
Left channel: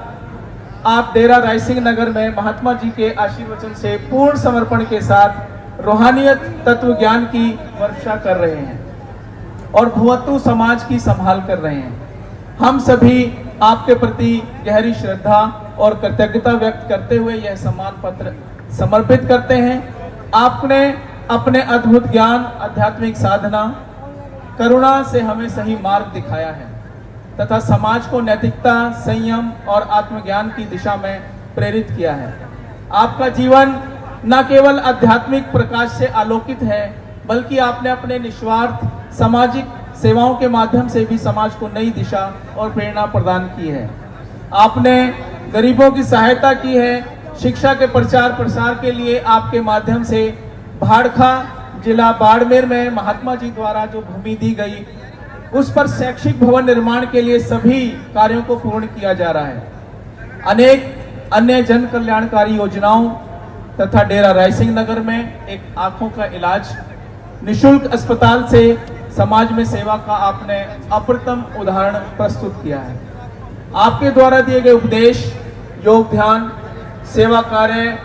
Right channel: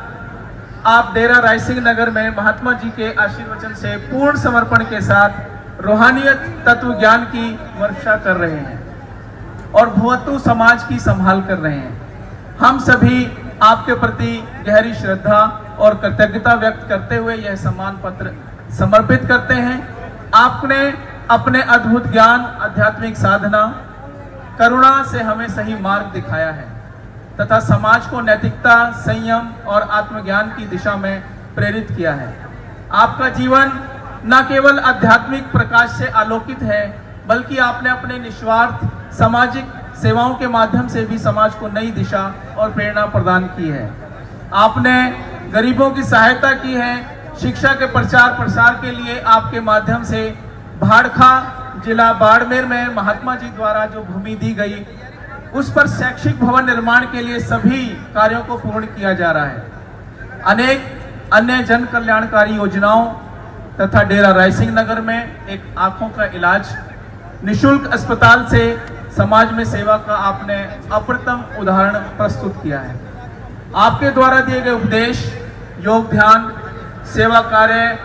आप डेरा रायसिंह नगर में महात्मा जी के आशीर्वचन से पूर्ण समर्पण के साथ रूहानियत तत्व ज्ञान की वर्षा कर रहे हैं और भुवतु समाज की संभाल कर रहे हैं। हम सभी आपके प्रति गहरी श्रद्धा और कृतज्ञता व्यक्त करते हुए यह सम्मान पत्र समर्पित करते हैं। आपने अपने अद्भुत ज्ञान, आध्यात्मिक साधना, करुणा से हमें सही मार्ग दिखाया है तथा समाज को नैतिकता, संयम और आत्मज्ञान की दिशा में प्रेरित किया है। आपका जीवन न केवल आध्यात्मिक प्रकाश से आलोकित है, बल्कि आपने अपने निस्वार्थ सामाजिक सेवाओं के माध्यम से भी समाज को नई दिशा और प्रेरणा प्रदान की है। आपने गरीबों की सहायता की है। शिक्षा के प्रचार प्रसार के लिए आपके माध्यम से भाड़खा जिला बाड़मेर में महात्मा जी द्वारा जो भूमि दी गई, उस पर शैक्षिक भवन निर्माण के लिए सभी कार्यों को पूर्ण किया जा रहा है। अनेक अन्य जन कल्याणकारी योजनाओं तथा डेरा रायसिंह नगर में एक आंखों का इलाज, निशुल्क अस्पताल से समाज में सेवा का आपने अप्रतिम उदाहरण प्रस्तुत किया है। आपके द्वारा दिए गए उपदेश, योग, ध्यान, सेवा कार्य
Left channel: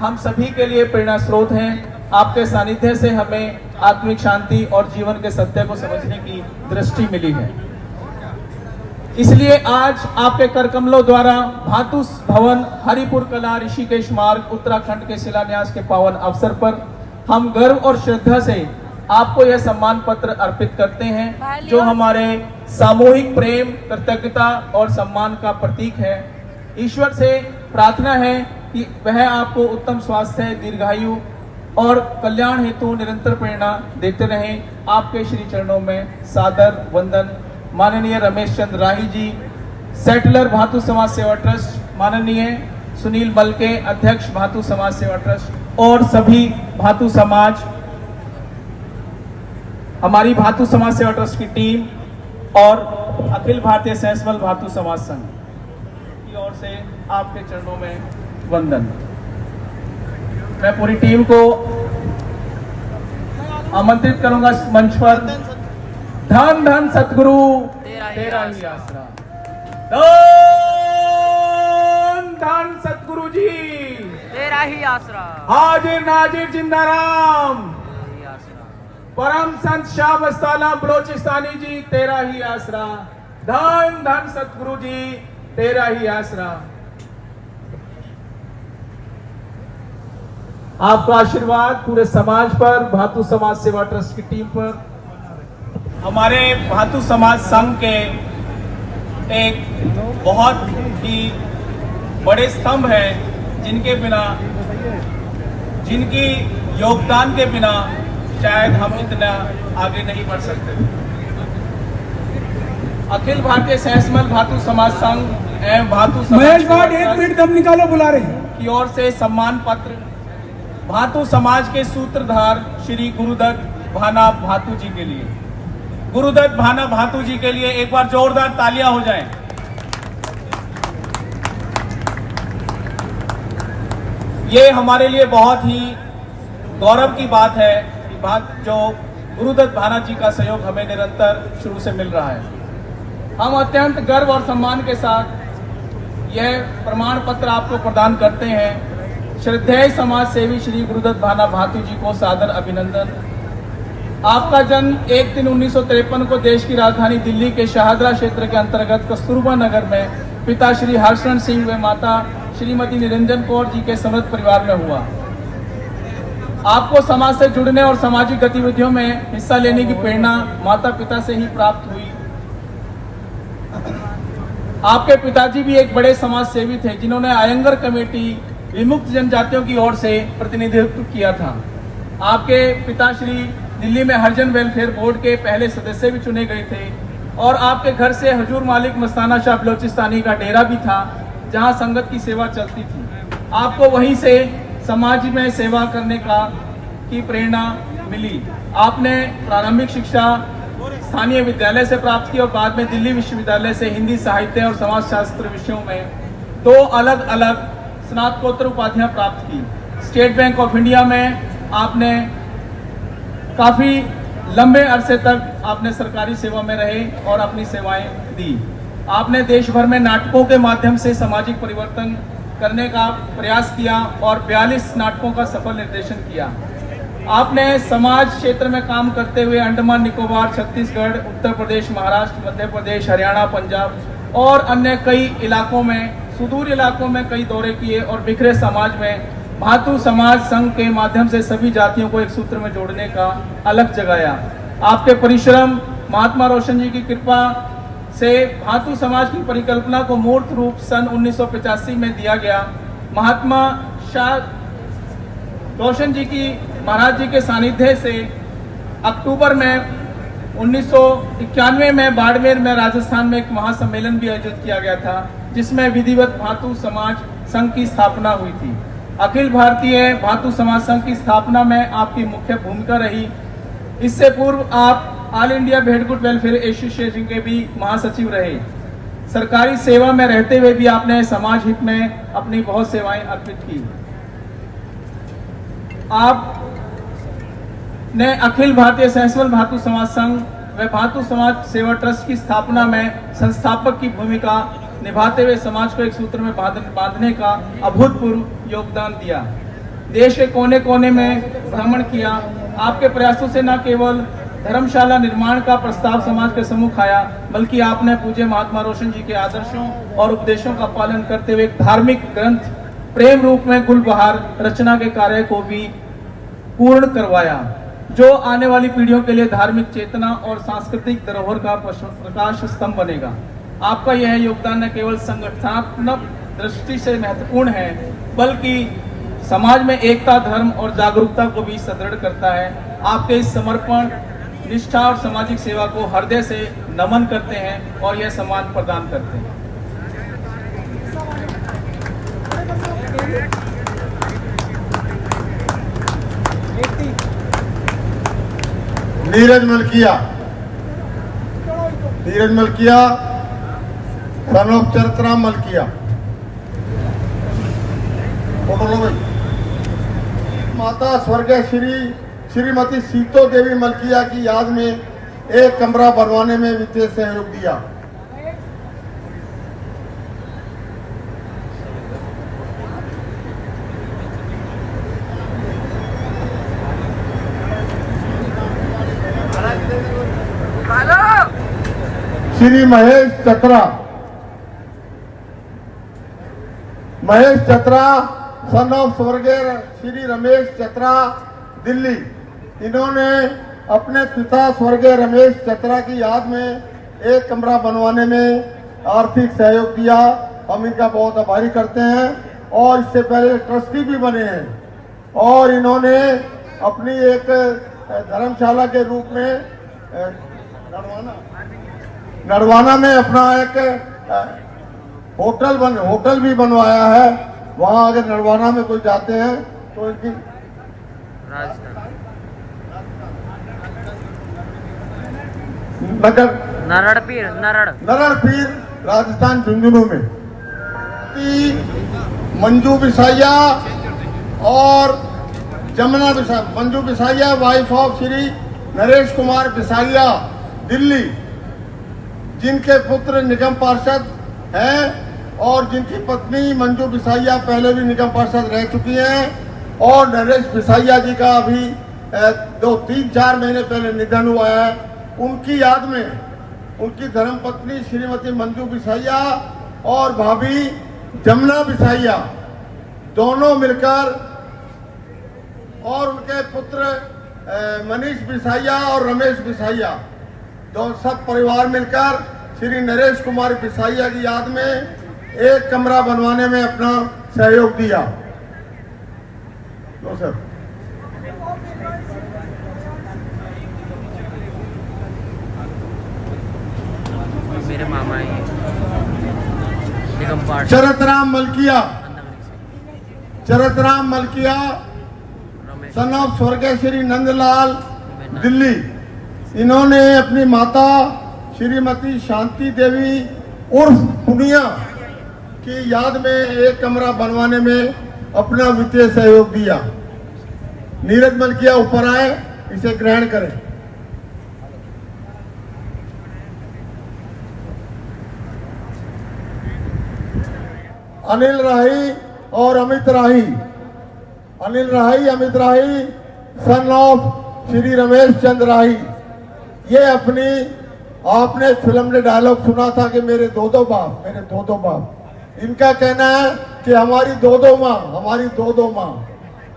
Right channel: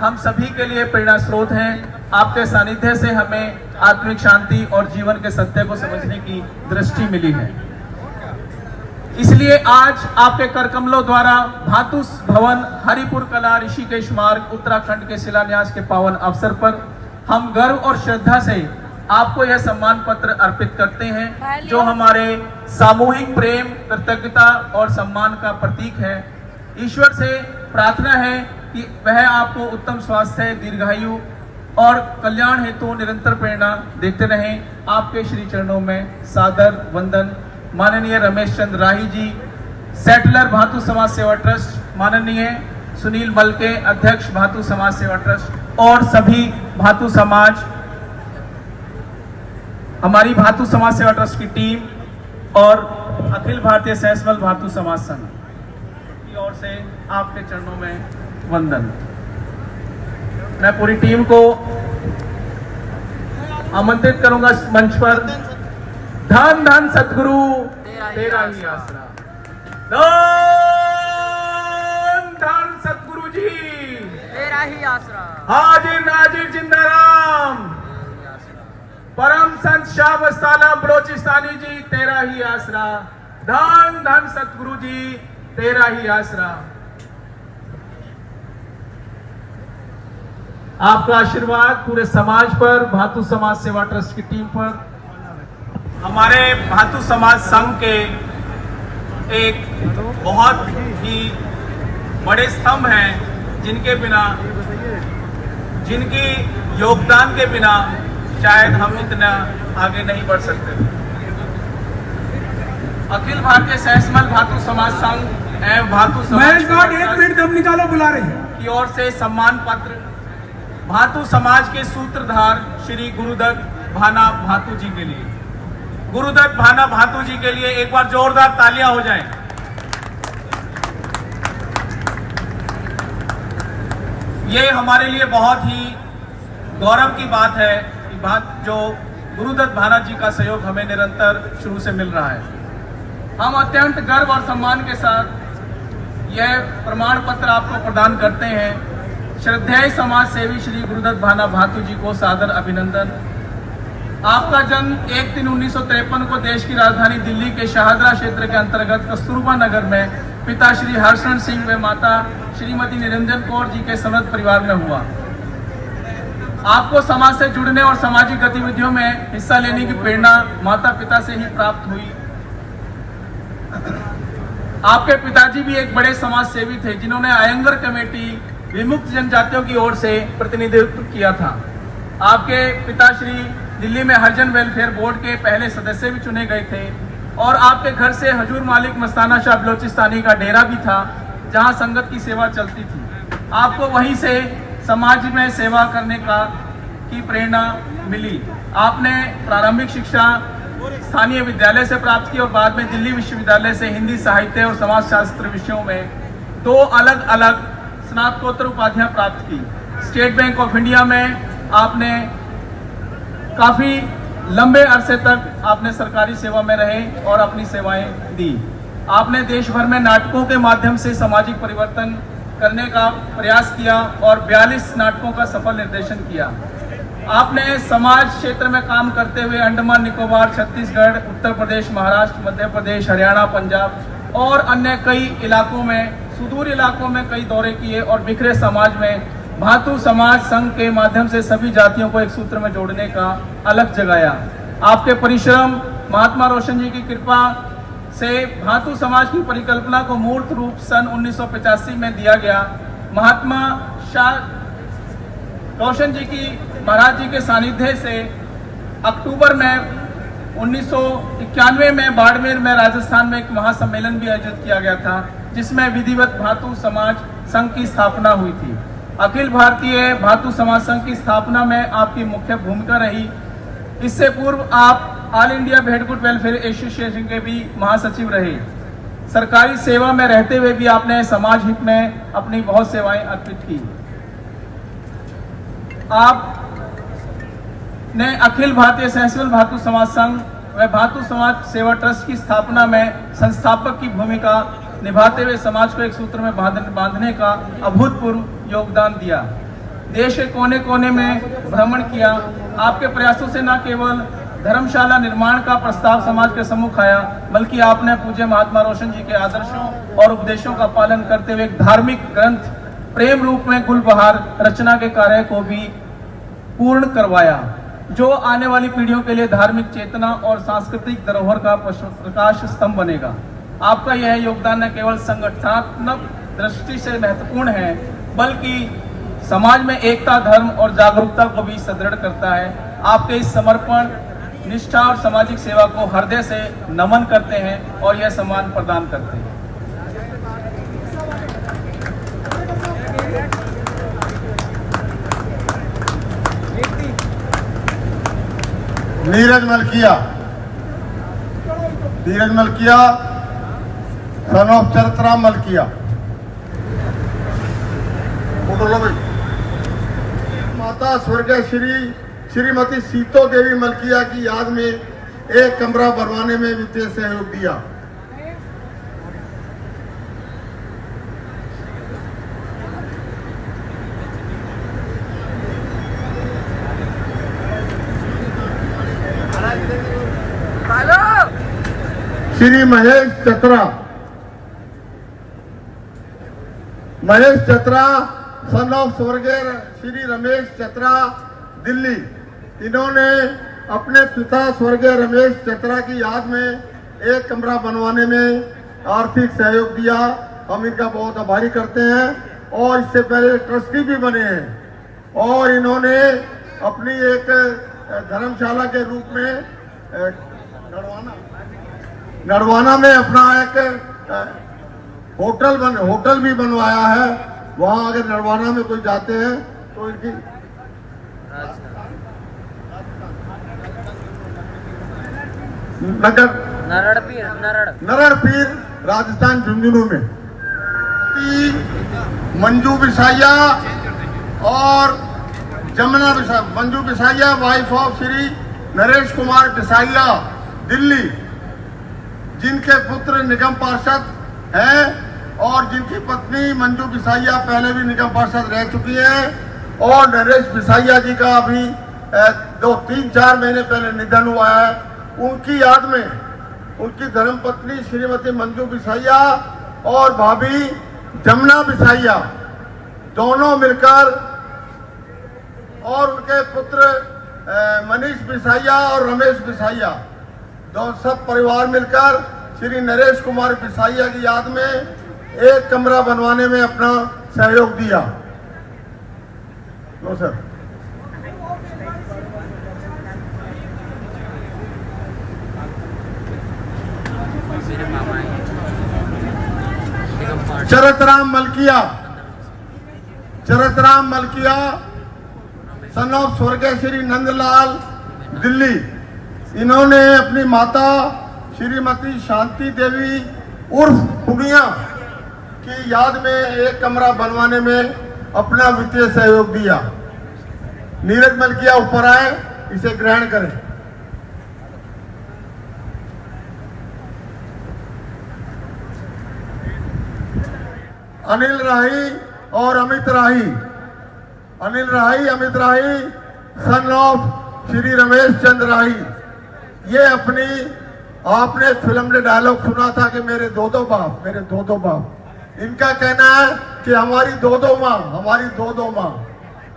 हम सभी के लिए प्रेरणा स्रोत हैं। आपके सानिध्य से हमें आत्मिक शांति और जीवन के सत्य को समझने की दृष्टि मिली है। इसलिए आज आपके कर कमलों द्वारा भातु भवन हरिपुर कला ऋषिकेश मार्ग उत्तराखंड के शिलान्यास के पावन अवसर पर हम गर्व और श्रद्धा से आपको यह सम्मान पत्र अर्पित करते हैं, जो हमारे सामूहिक प्रेम, कृतज्ञता और सम्मान का प्रतीक है। ईश्वर से प्रार्थना है कि वह आपको उत्तम स्वास्थ्य, दीर्घायु और कल्याण हेतु निरंतर प्रेरणा देते रहें। आपके श्री चरणों में सादर वंदन। माननीय रमेश चंद्र राही जी, सेटलर भातु समाज सेवा ट्रस्ट, माननीय सुनील मलके, अध्यक्ष भातु समाज सेवा ट्रस्ट, और सभी भातु समाज, हमारी भातु समाज सेवा ट्रस्ट की टीम और अखिल भारतीय सहसमल भातु समाज संघ की ओर से आपके चरणों में वंदन। मैं पूरी टीम को आमंत्रित करूंगा इस मंच पर। धन धन सतगुरु तेरा ही आसरा। धन धन सतगुरु जी तेरा ही आसरा। हाजिर नाजिर जिंदाराम। परम संत शाह मस्ताना बलोचिस्तानी जी, तेरा ही आसरा। धन धन सतगुरु जी तेरा ही आसरा। आपका आशीर्वाद पूरे समाज पर, भातु समाज सेवा ट्रस्ट की टीम पर, हमारे भातु समाज संघ के एक बहुत ही बड़े स्तंभ हैं, जिनके बिना, जिनकी योगदान के बिना शायद हम इतना आगे नहीं बढ़ सकते। अखिल भारतीय सहसमल भातु समाज संघ एवं भातु महेश भाट, 1 मिनट दम निकालो, बुला रहे हैं। की ओर से सम्मान पत्र भातु समाज के सूत्रधार श्री गुरुदत्त भाना भातु जी के लिए। गुरुदत्त भाना भातु जी के लिए एक बार जोरदार तालियां हो जाएं। ये हमारे लिए बहुत ही गौरव की बात है कि जो गुरुदत्त भाना जी का सहयोग हमें निरंतर शुरू से मिल रहा है। हम अत्यंत गर्व और सम्मान के साथ यह प्रमाण पत्र आपको प्रदान करते हैं। श्रद्धेय समाज सेवी श्री गुरुदत्त भाना भातु जी को सादर अभिनंदन। आपका जन्म 1 दिन 1953 को देश की राजधानी दिल्ली के शाहदरा क्षेत्र के अंतर्गत कस्तूरबा नगर में पिता श्री हर्षण सिंह व माता श्रीमती निरंजन कौर जी के समृद्ध परिवार में हुआ। आपको समाज से जुड़ने और सामाजिक गतिविधियों में हिस्सा लेने की प्रेरणा माता पिता से ही प्राप्त हुई। आपके पिताजी भी एक बड़े समाज सेवी थे जिन्होंने आयंगर कमेटी विमुक्त जनजातियों की ओर से प्रतिनिधित्व किया था। आपके पिताश्री दिल्ली में हरिजन वेलफेयर बोर्ड के पहले सदस्य भी चुने गए थे और आपके घर से हजूर मालिक मस्ताना शाह बलोचिस्तानी का डेरा भी था जहां संगत की सेवा चलती थी। आपको वहीं से समाज में सेवा करने की प्रेरणा मिली। आपने प्रारंभिक शिक्षा स्थानीय विद्यालय से प्राप्त की और बाद में दिल्ली विश्वविद्यालय से हिंदी साहित्य और समाजशास्त्र विषयों में 2 अलग अलग स्नातकोत्तर उपाधियां प्राप्त की। स्टेट बैंक ऑफ इंडिया में आपने काफी लंबे अरसे तक आपने सरकारी सेवा में रहे और अपनी सेवाएं दी। आपने देश भर में नाटकों के माध्यम से सामाजिक परिवर्तन करने का प्रयास किया और 42 नाटकों का सफल निर्देशन किया। आपने समाज क्षेत्र में काम करते हुए अंडमान निकोबार, छत्तीसगढ़, उत्तर प्रदेश, महाराष्ट्र, मध्य प्रदेश, हरियाणा, पंजाब और अन्य कई इलाकों में, सुदूर इलाकों में कई दौरे किए और बिखरे समाज में भातु समाज संघ के माध्यम से सभी जातियों को एक सूत्र में जोड़ने का अलग जगाया। आपके परिश्रम, महात्मा रोशन जी की कृपा से भातु समाज की परिकल्पना को मूर्त रूप सन 1985 में दिया गया। महात्मा शाह रोशन जी की महाराज जी के सानिध्य से अक्टूबर में 1991 में बाड़मेर में राजस्थान में एक महासम्मेलन भी आयोजित किया गया था जिसमें विधिवत भातु समाज संघ की स्थापना हुई थी। अखिल भारतीय भातु समाज संघ की स्थापना में आपकी मुख्य भूमिका रही। इससे पूर्व आप ऑल इंडिया भेड़कुट वेलफेयर एसोसिएशन के भी महासचिव रहे। सरकारी सेवा में रहते हुए भी आपने समाज हित में अपनी बहुत सेवाएं अर्पित की। आप ने अखिल भारतीय सैंसवल भातु समाज संघ व भातु समाज सेवा ट्रस्ट की स्थापना में संस्थापक की भूमिका निभाते हुए समाज को एक सूत्र में बांधने का अभूतपूर्व योगदान दिया। देश के कोने कोने में भ्रमण किया। आपके प्रयासों से न केवल धर्मशाला निर्माण का प्रस्ताव समाज के सम्मुख आया बल्कि आपने पूज्य महात्मा रोशन जी के आदर्शों और उपदेशों का पालन करते हुए एक धार्मिक ग्रंथ प्रेम रूप में गुलबहार रचना के कार्य को भी पूर्ण करवाया जो आने वाली पीढ़ियों के लिए धार्मिक चेतना और सांस्कृतिक धरोहर का प्रकाश स्तंभ बनेगा। आपका यह योगदान न केवल संगठनात्मक दृष्टि से महत्वपूर्ण है बल्कि समाज में एकता, धर्म और जागरूकता को भी सुदृढ़ करता है। आपके इस समर्पण, निष्ठा और सामाजिक सेवा को हृदय से नमन करते हैं और यह सम्मान प्रदान करते हैं। Neeraj Malkia son of Charitra Malkia. बोलो भाई। माता स्वर्गीय श्रीमती सीतो देवी मलकिया की याद में एक कमरा बनवाने में वित्तीय सहयोग दिया। श्री महेश चतरा सन ऑफ स्वर्गीय श्री रमेश चतरा दिल्ली। इन्होंने अपने पिता स्वर्गीय रमेश चतरा की याद में एक कमरा बनवाने में आर्थिक सहयोग दिया। हम इनका बहुत आभारी करते हैं और इससे पहले ट्रस्टी भी बने हैं और इन्होंने अपनी एक धर्मशाला के रूप में नरवाना में अपना एक होटल भी बनवाया है वहाँ अगर नरवाना में कोई जाते हैं तो इनकी राजस्थान नगर नरड़ पीर नरड़ पीर राजस्थान झुंझुनू में की मंजू बिसाइया और जमुना बिसाइया, मंजू बिसाइया वाइफ ऑफ श्री नरेश कुमार बिसाइया दिल्ली, जिनके पुत्र निगम पार्षद हैं और जिनकी पत्नी मंजू बिसाइया पहले भी निगम पार्षद रह चुकी हैं और नरेश बिसाइया जी का अभी 2-3-4 महीने पहले निधन हुआ है। उनकी याद में उनकी धर्मपत्नी श्रीमती मंजू बिसाइया और भाभी जमुना बिसाइया दोनों मिलकर और उनके पुत्र मनीष बिसाइया और रमेश बिसाइया सब परिवार मिलकर श्री नरेश कुमार बिसाइया की याद में एक कमरा बनवाने में अपना सहयोग दिया। लो सर। मेरे मामा हैं चरतराम मलकिया सन ऑफ स्वर्गीय श्री नंदलाल दिल्ली, इन्होंने अपनी माता श्रीमती शांति देवी उर्फ पुनिया की याद में एक कमरा बनवाने में अपना वित्तीय सहयोग दिया। नीरज मलकिया ऊपर आए, इसे ग्रहण करें। अनिल राही और अमित राही, अनिल राही अमित राही सन ऑफ श्री रमेश चंद्र राही, ये अपनी आपने फिल्म में डायलॉग सुना था कि मेरे दो दो बाप, इनका कहना है कि हमारी दो दो माँ,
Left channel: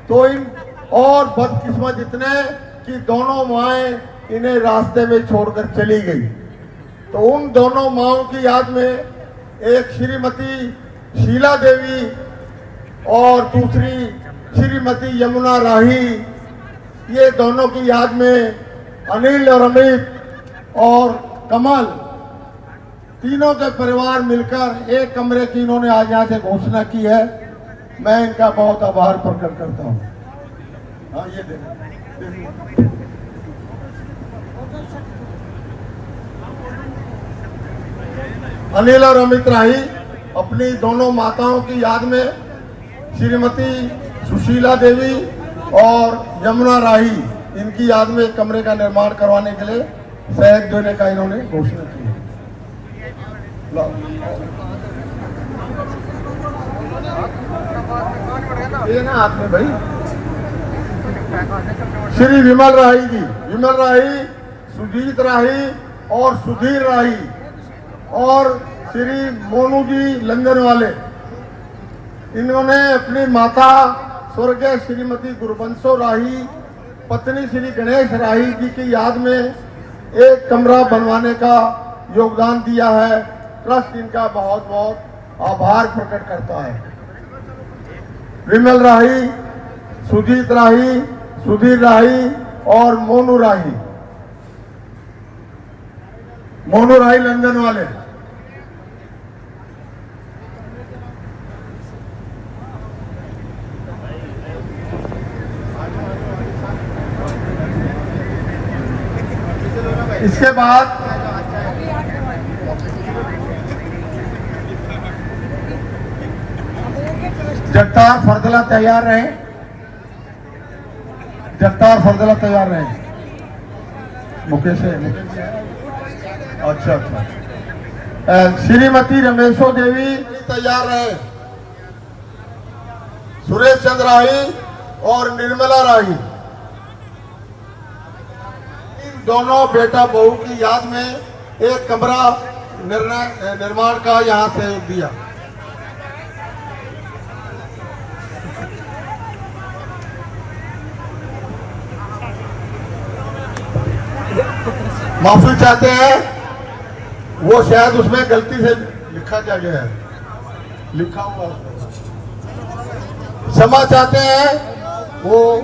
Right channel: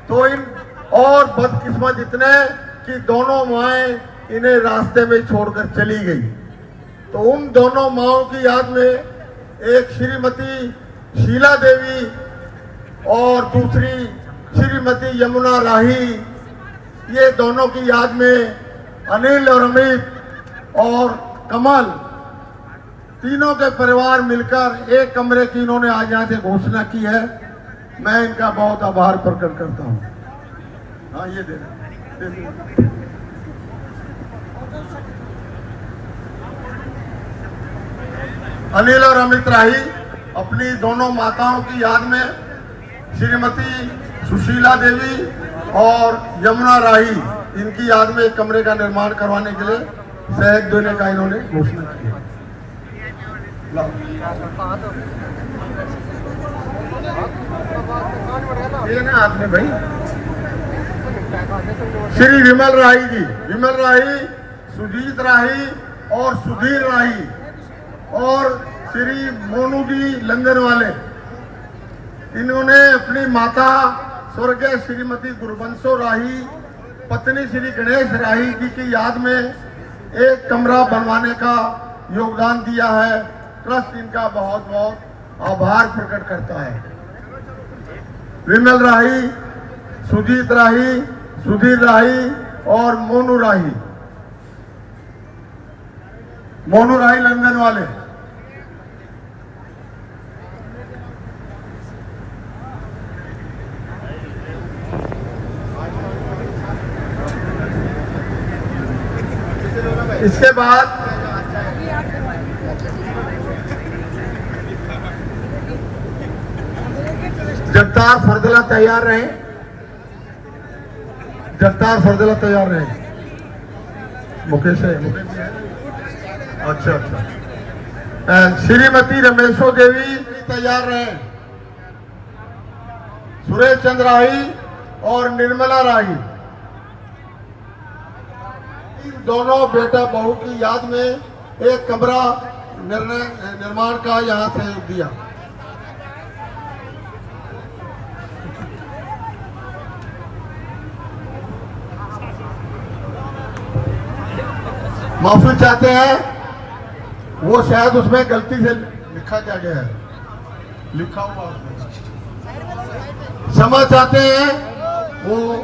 तो इन और बदकिस्मत इतने कि दोनों माएँ इन्हें रास्ते में छोड़कर चली गई। तो उन दोनों माओं की याद में एक श्रीमती शीला देवी और दूसरी श्रीमती यमुना राही, ये दोनों की याद में अनिल और अमित और कमल तीनों के परिवार मिलकर एक कमरे की इन्होंने आज यहाँ से घोषणा की है। मैं इनका बहुत आभार प्रकट करता हूँ। हाँ ये दे अनिल और अमित राही अपनी दोनों माताओं की याद में श्रीमती सुशीला देवी और यमुना राही, इनकी याद में एक कमरे का निर्माण करवाने के लिए सहयोग देने का इन्होंने घोषणा की है। ये ना हाथ में भाई। श्री विमल राही जी, विमल राही, सुजीत राही और सुधीर राही और श्री मोनू जी लंदन वाले, इन्होंने अपनी माता स्वर्गीय श्रीमती गुरबंसो राही पत्नी श्री गणेश राही जी की याद में एक कमरा बनवाने का योगदान दिया है। ट्रस्ट इनका बहुत बहुत आभार प्रकट करता है। विमल राही, सुजीत राही, सुधीर राही और मोनू राही लंदन वाले। इसके बाद जगतार फरदला तैयार रहे, जगतार फरदला तैयार रहे। मुकेश है, अच्छा। श्रीमती रमेशो देवी तैयार रहे, सुरेश चंद्र राही और निर्मला राही, दोनों बेटा बहू की याद में एक कमरा निर्माण का यहाँ सहयोग दिया। माफी चाहते हैं, वो शायद उसमें गलती से लिखा क्या गया है, लिखा हुआ क्षमा चाहते हैं, वो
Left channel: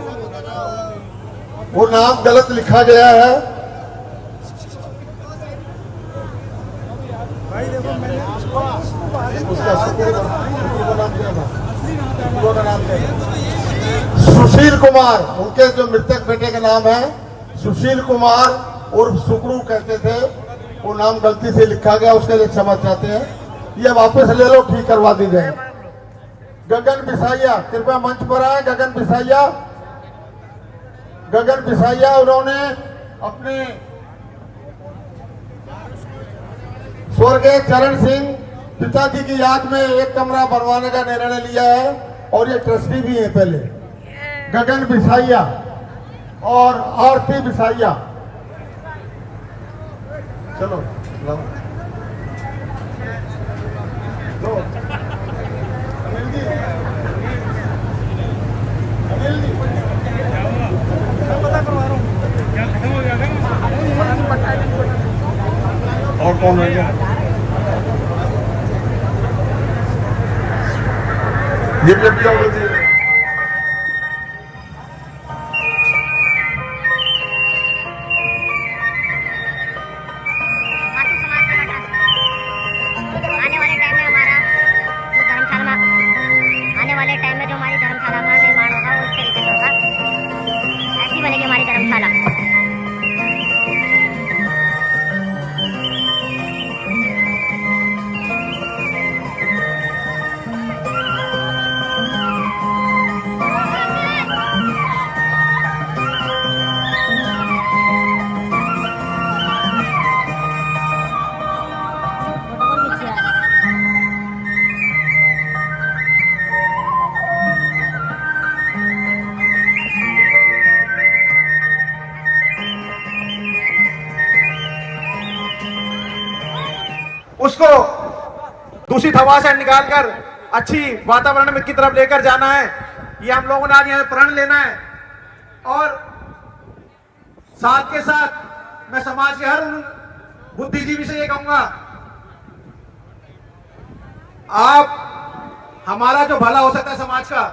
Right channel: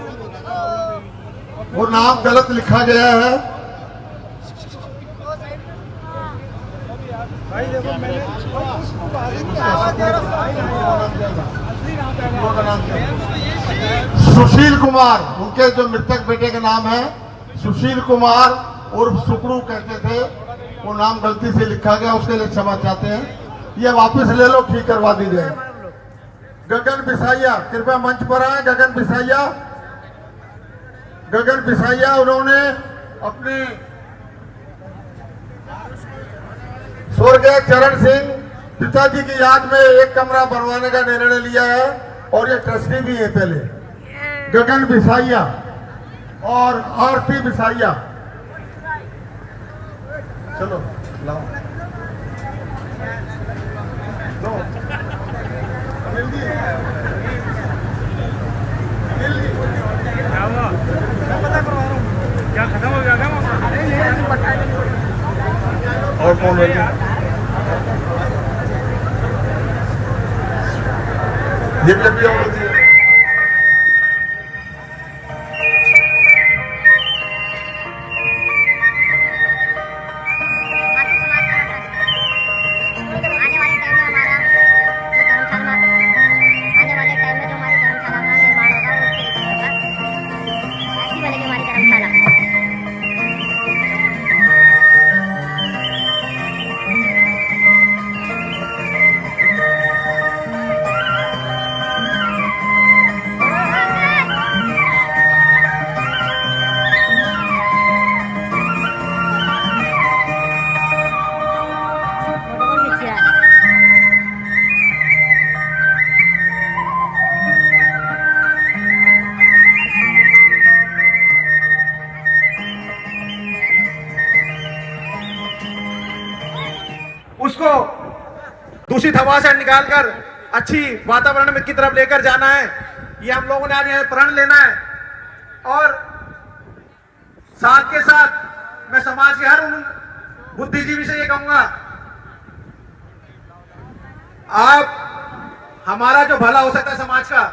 नाम गलत लिखा गया है। उसका उनके जो मृतक बेटे का नाम है सुशील कुमार उर्फ सुकड़ू कहते थे, वो नाम गलती से लिखा गया, उसके लिए क्षमा चाहते हैं। ये वापस ले लो, ठीक करवा दी जाए। गगन बिसाइया कृपया मंच पर आए। गगन बिसाइया उन्होंने अपने स्वर्गीय चरण सिंह पिताजी की याद में एक कमरा बनवाने का निर्णय लिया है और ये ट्रस्टी भी है पहले। गगन बिसाइया और आरती बिसाइया, चलो लाओ। दो अनिल जी, अनिल जी और कौन है? ये भी अभी और उसको दूषित हवा से निकालकर अच्छी वातावरण की तरफ लेकर जाना है। ये हम लोगों ने आज यहाँ प्रण लेना है। और साथ के साथ मैं समाज के हर उन बुद्धिजीवी से ये कहूंगा, आप हमारा जो भला हो सकता है समाज का,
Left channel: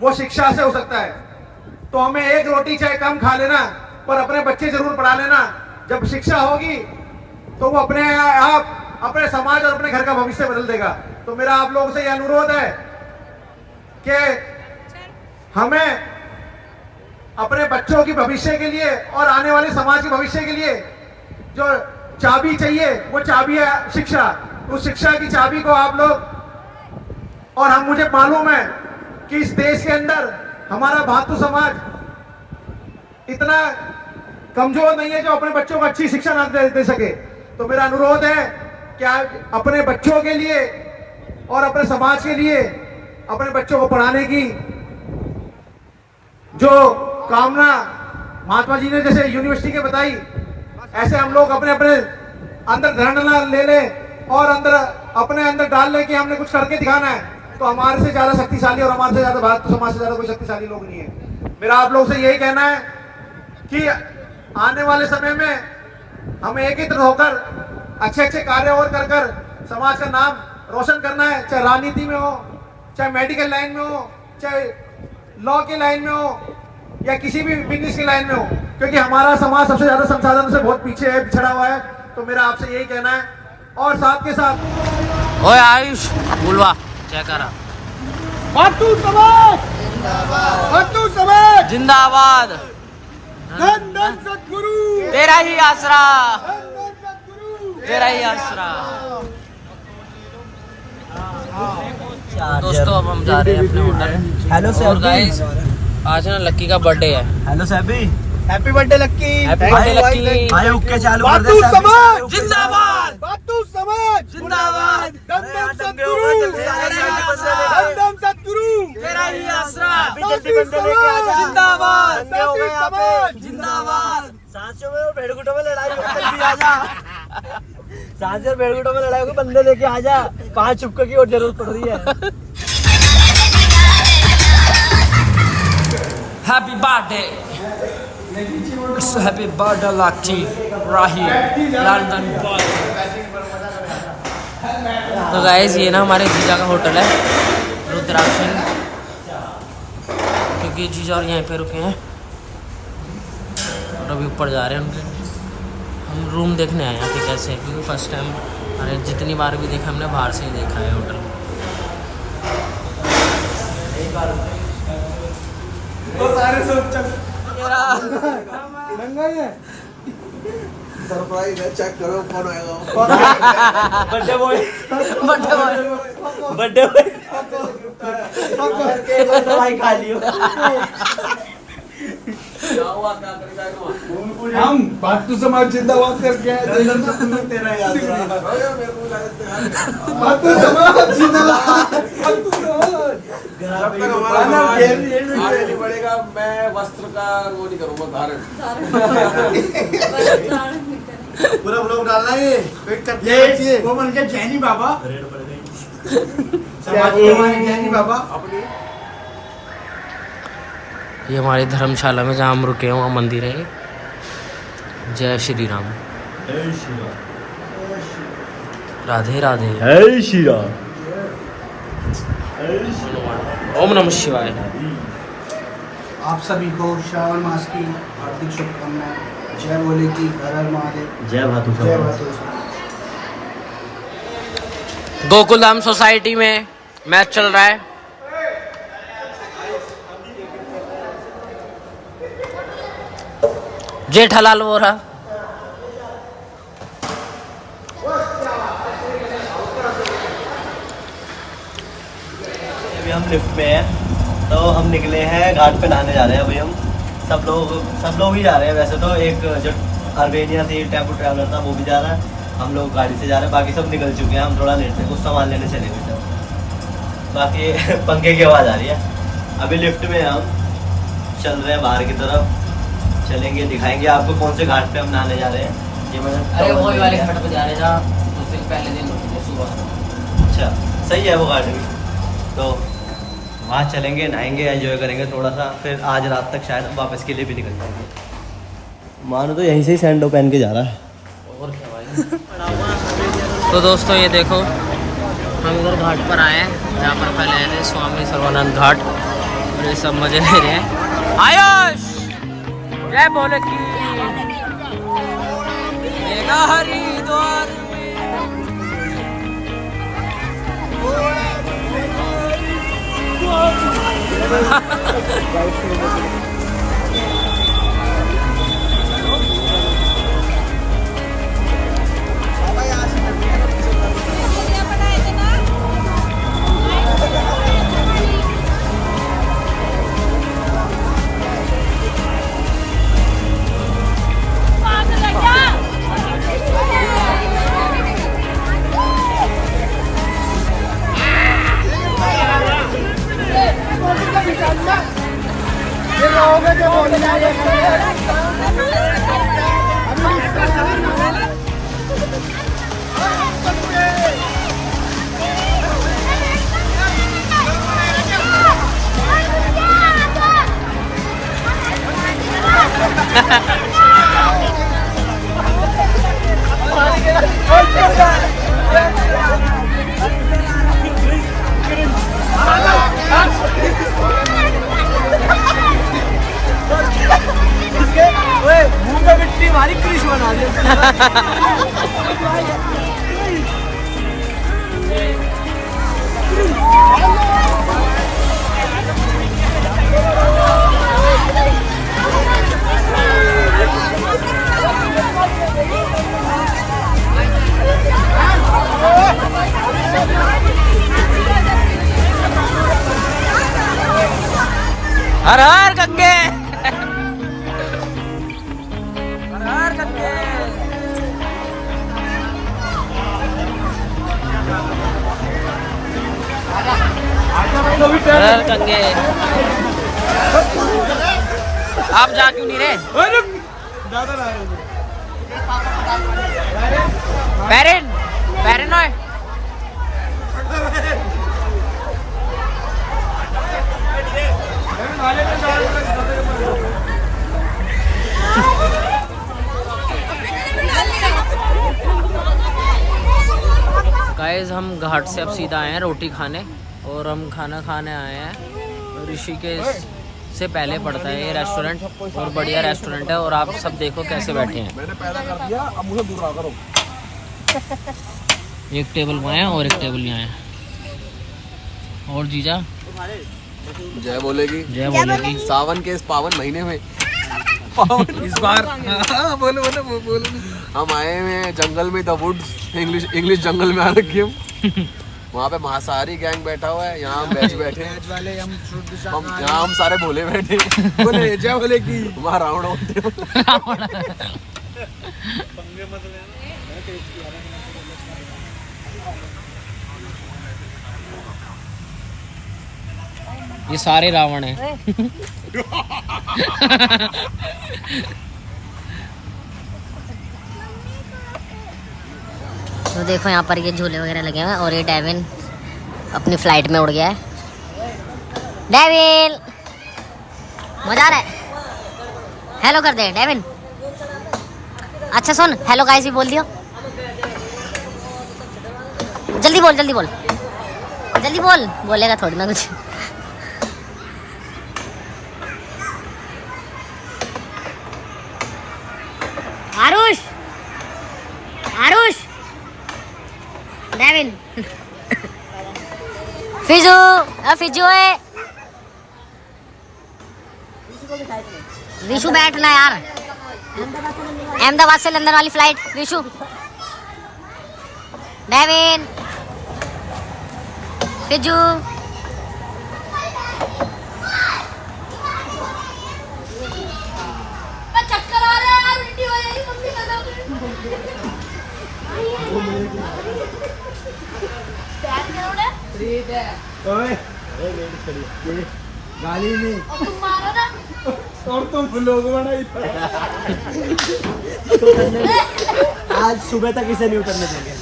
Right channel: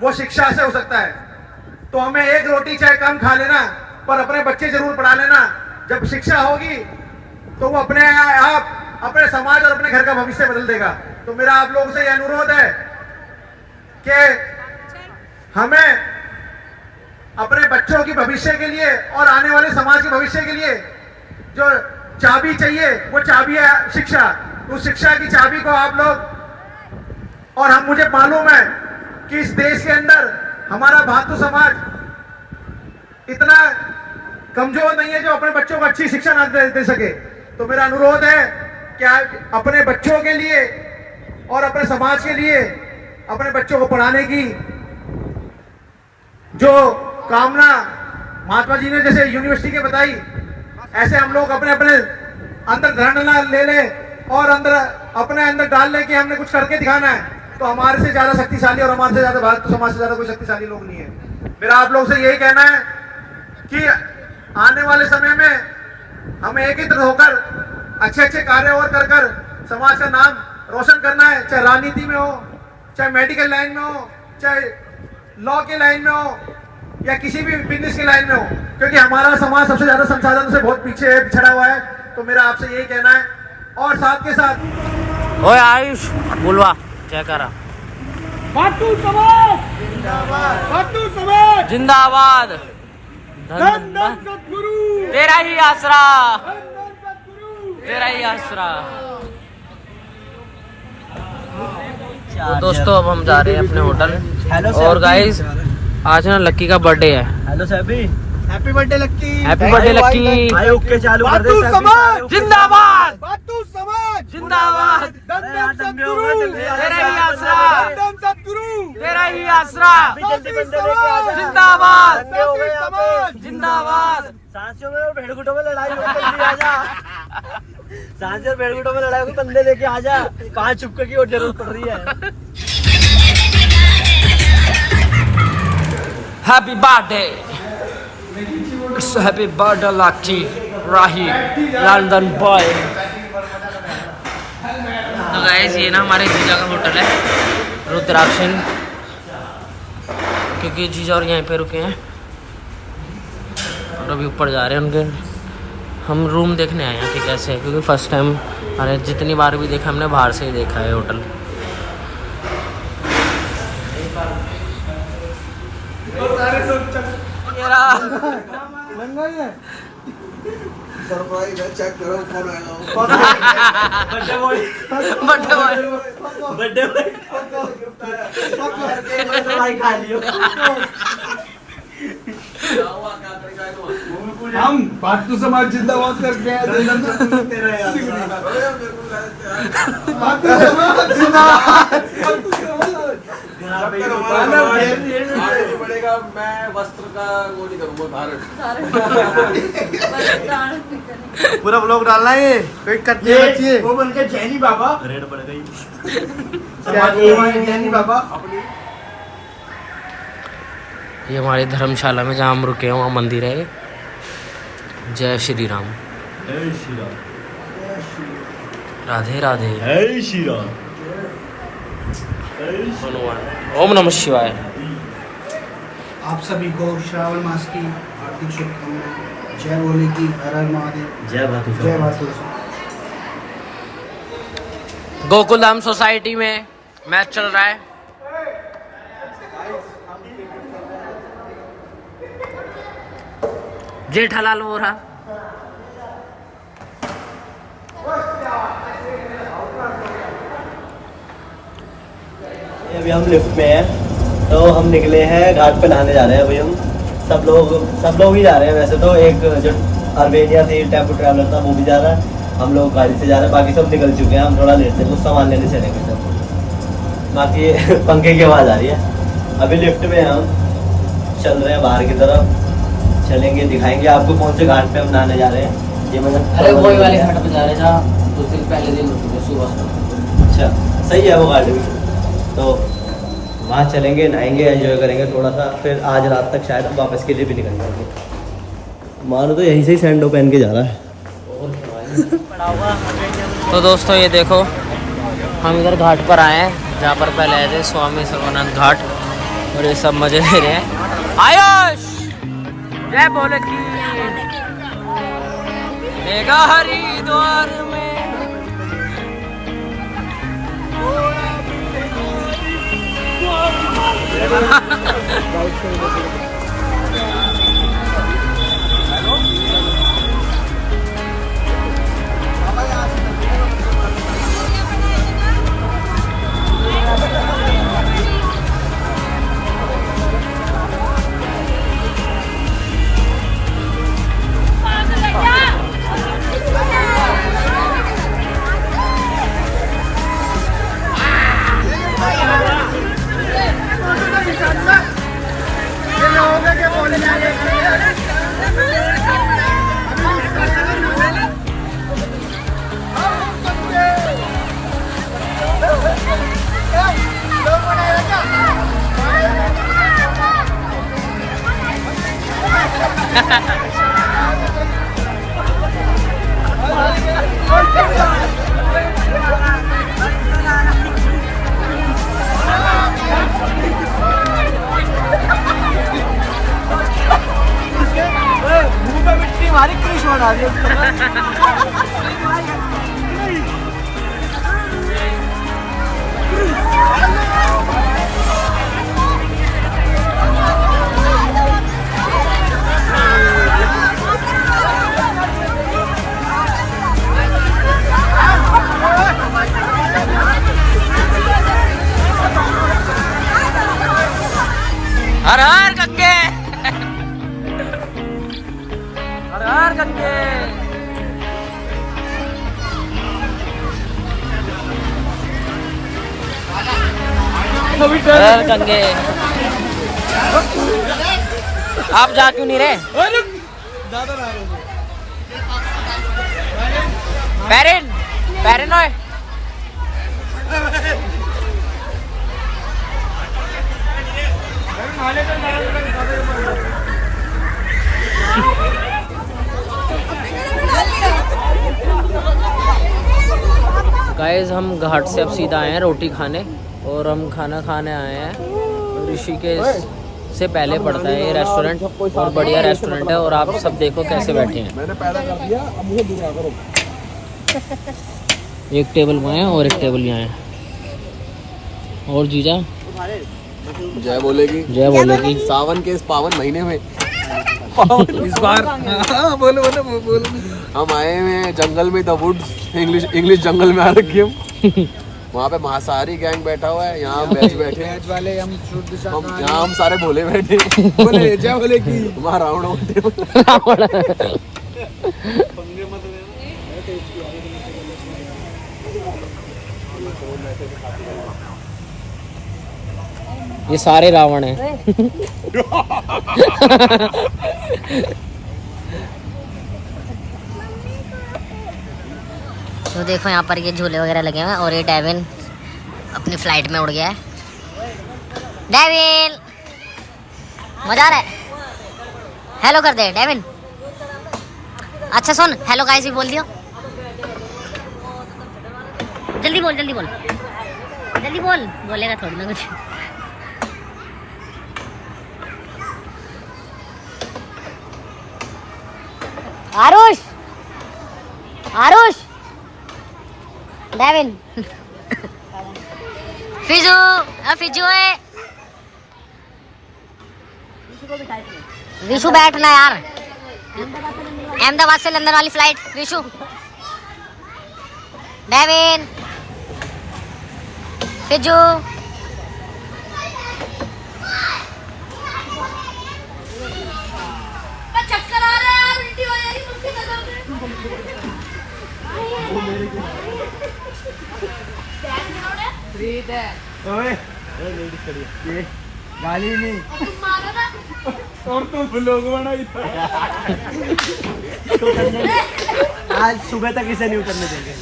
वो शिक्षा से हो सकता है। तो हमें एक रोटी चाहे कम खा लेना, पर अपने बच्चे जरूर पढ़ा लेना। जब शिक्षा होगी तो वो अपने आप अपने समाज और अपने घर का भविष्य बदल देगा। तो मेरा आप लोगों से यह अनुरोध है कि हमें अपने बच्चों की भविष्य के लिए और आने वाले समाज के भविष्य के लिए जो चाबी चाहिए, वो चाबी है शिक्षा। उस शिक्षा की चाबी को आप लोग, और हम मुझे मालूम है कि इस देश के अंदर हमारा भातु समाज इतना कमजोर नहीं है जो अपने बच्चों को अच्छी शिक्षा न दे सके। तो मेरा अनुरोध है कि आप अपने बच्चों के लिए और अपने समाज के लिए अपने बच्चों को पढ़ाने की जो कामना महात्मा जी ने जैसे यूनिवर्सिटी के बताई, ऐसे हम लोग अपने अपने अंदर धारणा ले ले और अपने अंदर डाल ले कि हमने कुछ करके दिखाना है। तो हमारे से ज्यादा शक्तिशाली और हमारे से ज्यादा भारत समाज से ज्यादा कोई शक्तिशाली लोग नहीं है। मेरा आप लोग से यही कहना है कि आने वाले समय में हमें एकत्रित होकर अच्छे अच्छे कार्य और कर कर समाज का नाम रोशन करना है, चाहे राजनीति में हो, चाहे मेडिकल लाइन में हो, चाहे लॉ के लाइन में हो, या किसी भी बिजनेस की लाइन में हो, क्योंकि हमारा समाज सबसे ज्यादा संसाधन से बहुत पीछे है, पिछड़ा हुआ है। तो मेरा आपसे यही कहना है। और साथ के साथ ओए आयुष बुलवा क्या करा, भातु समाज जिंदाबाद, धन धन सद्गुरु, तेरा ही आसरा, धन धन सद्गुरु, तेरा ही आसरा। तो दोस्तों अब हम जा रहे हैं अपने होटल। और गाइस आज ना लक्की का बर्थडे है। हेलो सैबी, हैप्पी बर्थडे लक्की। Happy लक्की। भाई ओके चालू कर दे। भातु समाज जिंदाबाद, भातु समाज जिंदाबाद, धन धन सद्गुरु, तेरा ही आसरा, धन धन सद्गुरु, तेरा ही आसरा, साथी समाज जिंदाबाद, साथी समाज जिंदाबाद। सांसियों में और भेड़गुटों में लड़ाई होगी, आजा। सांसियों और भेड़गुटों में लड़ाई होगी, बंदे लेके आजा। 5 चुपके की और जरूरत पड़ रही है। हैप्पी बर्थडे, हैप्पी बर्थडे लक्की राही लंदन बॉय। तो गाइस ये ना हमारे जीजा का होटल है रुद्राक्ष सिंह, क्योंकि जीजा और यहीं पे रुके हैं और अभी ऊपर जा रहे हैं उनके। हम रूम देखने आए हैं कि कैसे है, क्योंकि फर्स्ट टाइम अरे जितनी बार भी देखा हमने बाहर से ही देखा है होटल। तो सारे सब चल तेरा। सरप्राइज है, चेक करो कौन आएगा। Birthday boy. बर्थडे बॉय खा लियो। हम बातू समाज जिंदाबाद करके आए। तेरा याद बातू समाज जिंदाबाद। जब तक हमारा समाज आगे नहीं बढ़ेगा, मैं वस्त्र का वो नहीं करूँगा धारण। पूरा ब्लॉग डालना है ये वो बन के जैनी बाबा। जैनी बाबा अपनी ये हमारी धर्मशाला में जहाँ हम रुके हैं वहाँ मंदिर है। जय श्री राम। राधे राधे। जय श्री राम। हनुमान। ओम नमः शिवाय। आप सभी को श्रावण मास की हार्दिक शुभकामनाएं। जय भोले की, हर हर महादेव। जय भातु जय भातु। गोकुल धाम सोसाइटी में मैच चल रहा है। जेठालाल वो रहा। अभी हम लिफ्ट में हैं, तो हम निकले हैं घाट पे नहाने जा रहे हैं। अभी हम सब लोग ही जा रहे हैं। वैसे तो एक जो अर्बेनिया थी टेम्पो ट्रैवलर था वो भी जा रहा है। हम लोग गाड़ी से जा रहे हैं, बाकी सब निकल चुके हैं। हम थोड़ा लेट थे, कुछ सामान लेने चलेंगे सब। बाकी पंखे की आवाज़ आ रही है। अभी लिफ्ट में हम चल रहे हैं बाहर की तरफ, चलेंगे, दिखाएंगे आपको कौन से घाट पे हम नहाने जा रहे हैं। ये मतलब अरे वही वाले घाट पे जा रहे हैं जहाँ उस दिन पहले दिन सुबह। अच्छा, सही है वो घाट भी। तो वहाँ चलेंगे, नहाएंगे, एंजॉय करेंगे थोड़ा सा। फिर आज रात तक शायद हम वापस के लिए भी निकल जाएंगे। मानो तो यहीं से ही सैंडो पहन के जा रहा है। तो दोस्तों ये देखो, हम इधर घाट पर आए हैं जहाँ पर पहले आए थे, स्वामी सर्वानंद घाट। और ये सब मजे ले रहे हैं। आयुष जय भोले की। हरिद्वार में मुंह पे मिट्टी हमारी क्रिश बना दी उसने। हर हर गंगे। हर हर गंगे। हर हर गंगे। आप जा क्यों नहीं रहे? पैरेन पैरेन ओए। गाइस हम घाट से अब सीधा आए हैं रोटी खाने, और हम खाना खाने आए हैं ऋषिकेश से पहले पड़ता है ये रेस्टोरेंट, और बढ़िया रेस्टोरेंट है। और आप सब देखो कैसे बैठे हैं। मैंने पैदा कर दिया, अब मुझे दूर ना करो। एक टेबल में आए और एक टेबल यहाँ है। और जीजा जय बोलेगी। जय बोलेगी। सावन के इस पावन महीने में इस बार बोलो हम आए हुए हैं जंगल में, द वुड्स, इंग्लिश जंगल में आ रखे हम। वहाँ पे मांसाहारी गैंग बैठा हुआ है, यहाँ हम वेज बैठे हैं। वाले हम यहाँ हम सारे भोले बैठे बोले जय भोले की वहाँ रावण होते। ये सारे रावण हैं। तो देखो यहाँ पर ये झूले वगैरह लगे हुए हैं और ये डेविन अपनी फ्लाइट में उड़ गया है। डेविन मजा आ रहा है। हेलो कर दे डेविन। अच्छा सुन, हेलो गाइस भी बोल दियो। जल्दी बोल जल्दी बोल जल्दी बोल। बोलेगा थोड़ी ना कुछ। आरुष आरुष डेविन फिजू फिजू है। विशु बैठना यार, अहमदाबाद से लंदन वाली फ्लाइट। विशु डेविन फिजू चक्कर आ रहा है यार, उल्टी हो जाएगी मम्मी गाली नहीं तुम मारो ना और तुम ब्लॉग बनाई। आज सुबह तक इसे नहीं उतरने देंगे।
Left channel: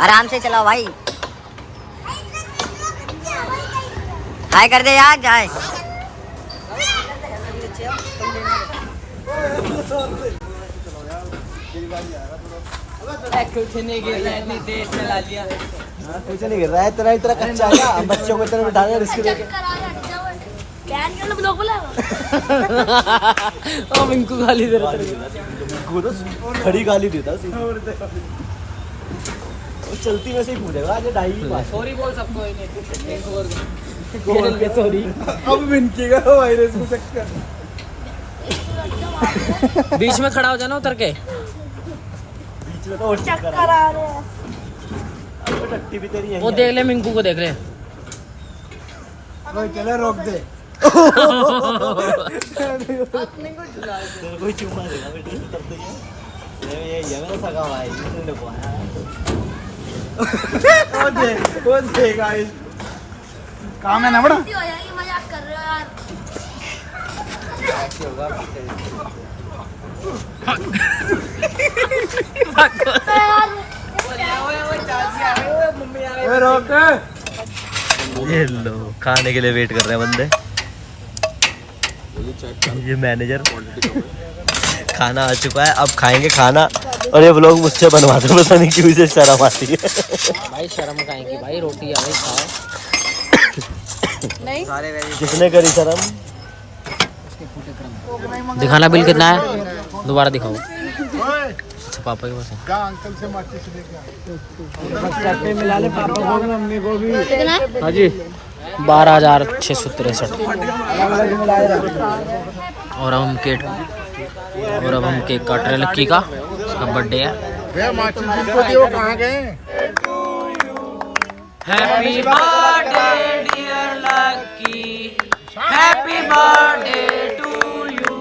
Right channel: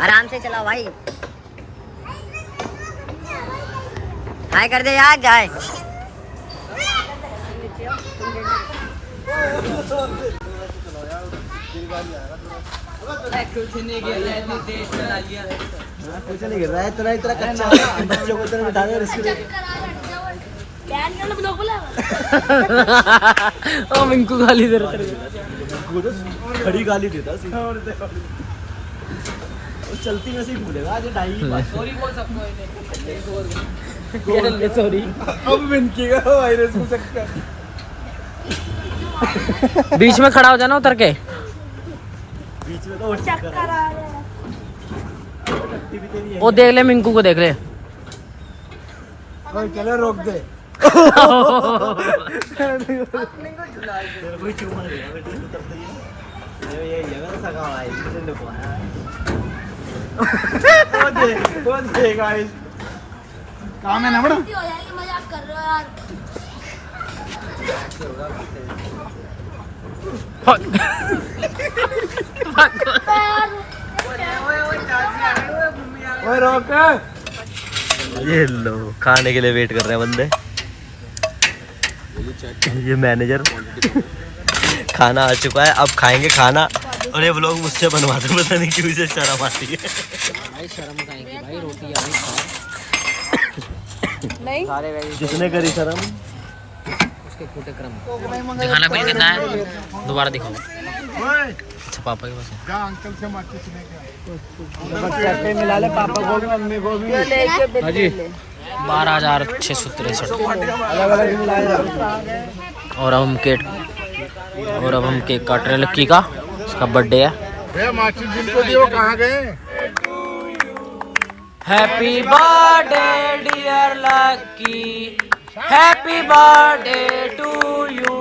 आराम से चलाओ भाई। हाय कर दे यार जाए। पीछे नहीं गिर रहा है, तेरा इतना कच्चा है ना, बच्चों को इतना बिठाने रिस्क दे। मिंकू गाली दे रहा वो तो खड़ी गाली देता चलती में से ही भूलेगा। आज ढाई सॉरी बोल सकते हो। सॉरी अब मिनकी का वायरस को चक्कर। बीच में खड़ा हो जाना उतर के। बीच में तो चक्कर आ रहा है। टट्टी भी तेरी वो देख ले, मिंकू को देख ले। चलो रोक दे। तेरे कोई चुमा देगा बेटे, उतरते ही है। ये मेरा सगा भाई कौन देगा काम है ना बड़ा। उल्टी हो जाएगी, मजाक कर रहे हो यार। रोक। ये लो खाने के लिए वेट कर रहे हैं बंदे। ये मैनेजर खाना आ चुका है, अब खाएंगे खाना। और ये लोग मुझसे बनवाते, पता नहीं क्यों इसे शर्म आती है। भाई शर्म खाएंगे भाई, रोटी आ गई खाए। किसने करी शर्म? उसके फूटे क्रम। दिखाना बिल कितना है, दोबारा दिखाओ। अच्छा पापा के पास है। अंकल से माचिस लेके हाँ जी 12,663। और अब हम केक काट रहे हैं लक्की का, उसका बर्थडे है। माचिस जिनको दिए वो कहाँ गए? Happy birthday dear Lucky, happy birthday to you.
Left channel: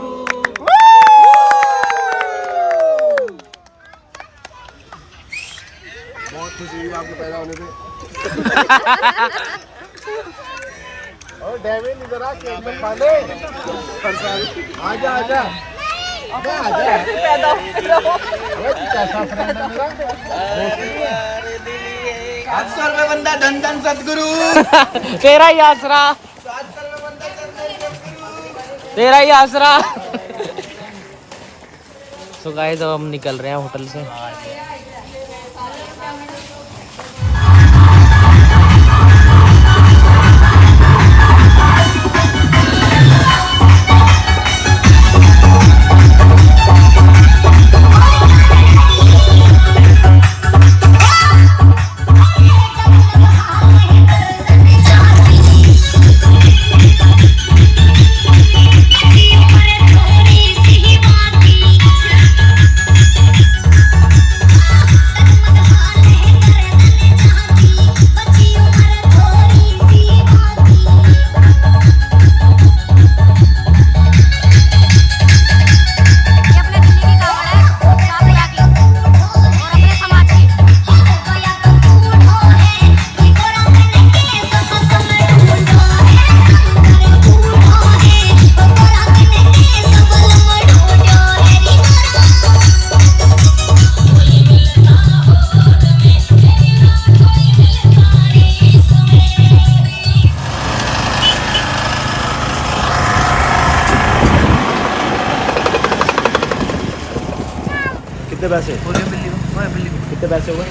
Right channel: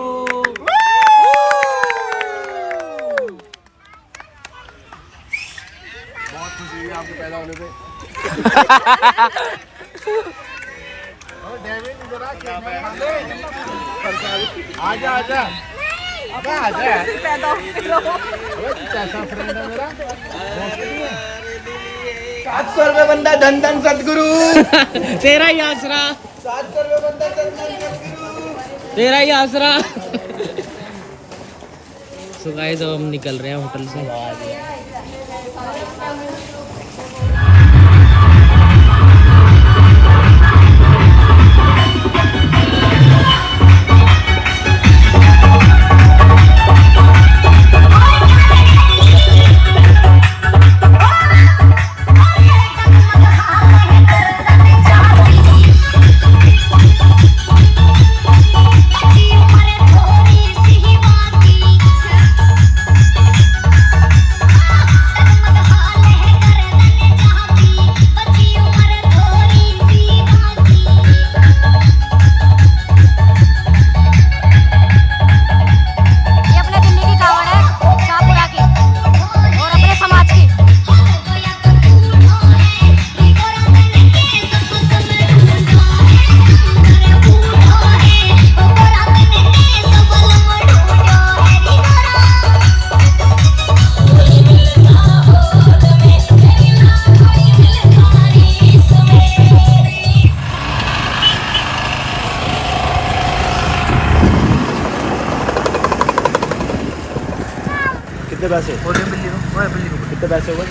बहुत खुशी हुई आपको पैदा होने पे। और डेविन इधर आ, केक में खा ले। आजा आजा अबे आजा। अबे तू कैसा फ्रेंड है मेरा, दोस्त नहीं है। 700 रुपए बंदा धन धन सदगुरु। तेरा ही आसरा, 700 रुपए बंदा धन धन सदगुरु। तेरा ही आसरा। सो गाइस अब हम निकल रहे हैं होटल से। पैसे? कितने पैसे हुए?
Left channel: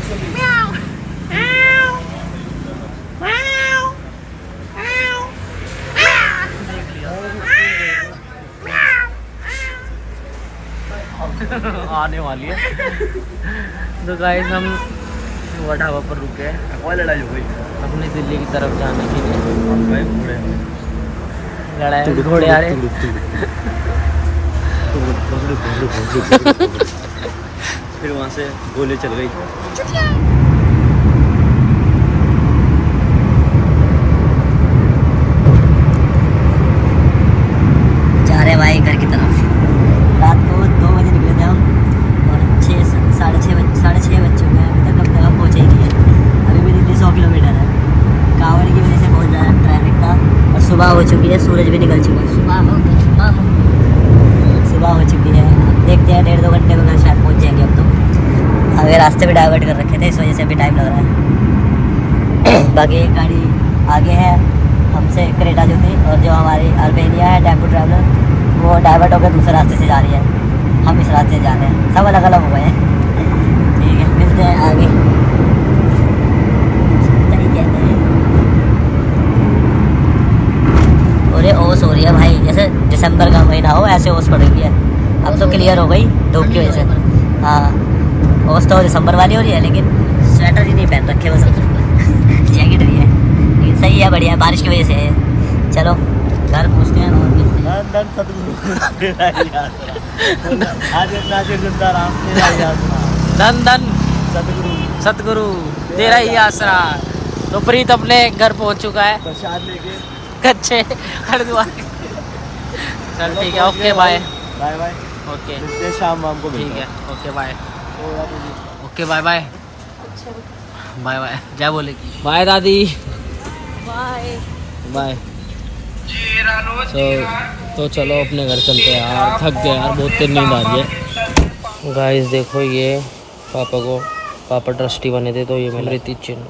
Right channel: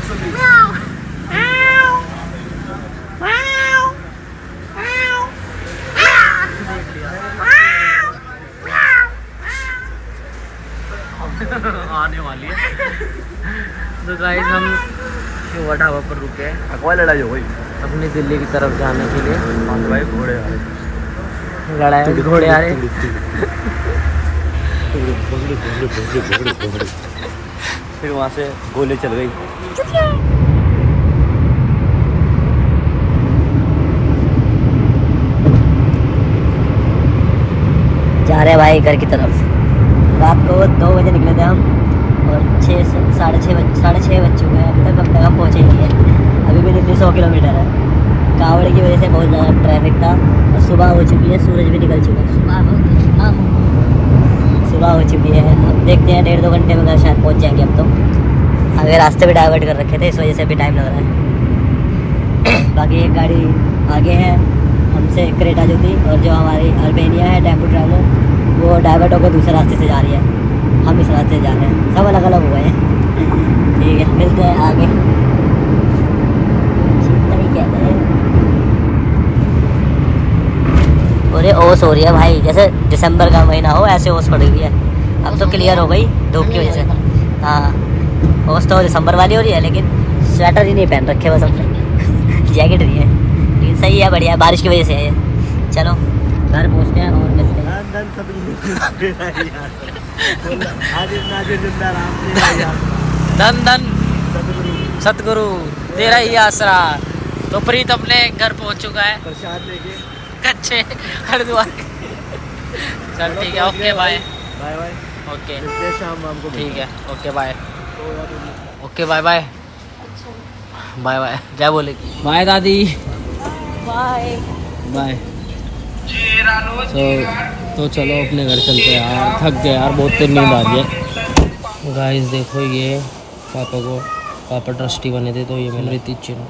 आने वाली है। तो गाइस हम युवा ढाबा पर रुके हैं लड़ाई हो गई अपनी दिल्ली की तरफ जाने के लिए। लड़ाई घोड़े आ रहे। फिर वहाँ से गोली चल गई। जा रहे हैं भाई घर की तरफ। रात को 2 बजे निकले थे हम और 6 साढ़े छः बज चुके हैं। अभी तक हम तक पहुँचे ही नहीं है। अभी भी दिल्ली 100 किलोमीटर है। कावड़े की वजह से बहुत ज़्यादा ट्रैफिक था। सुबह हो चुकी है, सूरज भी निकल चुका है। सुबह हो चुकी है। देखते हैं 1.5-2 घंटे में घर शायद पहुँच जाएंगे अब तो। आगे रास्ते भी डाइवर्ट कर रखे थे, इस वजह से अभी टाइम लग रहा है। बाकी एक गाड़ी आगे है हमसे, क्रेटा जो थी, और जो हमारी अर्बेनिया है टेम्पो ट्रैवलर, वो डाइवर्ट होकर दूसरे रास्ते से जा रही है। हम इस रास्ते से जा रहे हैं। सब अलग अलग हो गए हैं। ठीक है, मिलते हैं आगे। सही कहते हैं। और ये ओस हो रही है भाई, जैसे दिसंबर का महीना हो ऐसे ओस पड़ी हुई है। अब तो क्लियर हो गई धूप की वजह से। हाँ, ओस तो दिसंबर वाली हो रही है, लेकिन स्वेटर ही नहीं पहन रखे बस। जैकेट नहीं है, लेकिन सही है, बढ़िया है, बारिश की वजह से है। चलो घर पहुँचते हैं और मिलते हैं। धन धन सतगुरु तेरा ही आसरा। तो प्रीत अपने घर पहुंच चुका है कच्चे हरिद्वार। चल ठीक है, okay bye. Bye bye. Okay शाम को ठीक है, okay bye. Okay bye bye bye bye. क्या बोलेगी? बाय दादी। Bye bye. तो चलो अपने घर चलते हैं यार, थक गए यार, बहुत देर नींद आ रही है। गाइस देखो, ये पापा ट्रस्टी बने थे, तो ये मेरा रीति चिन्ह।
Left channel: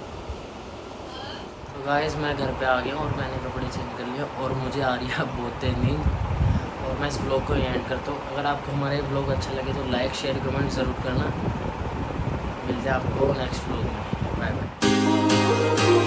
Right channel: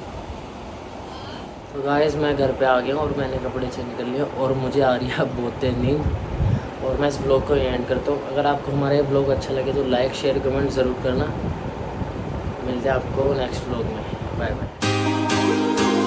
तो गाइस मैं घर पे आ गया और मैंने कपड़े चेंज कर लिए और मुझे आ रही है अब बहुत देर नींद। और मैं इस ब्लॉग को एंड करता हूँ। अगर आपको हमारे ब्लॉग अच्छा लगे तो लाइक शेयर कमेंट ज़रूर करना। मिलते हैं आपको नेक्स्ट ब्लॉग में। Bye bye.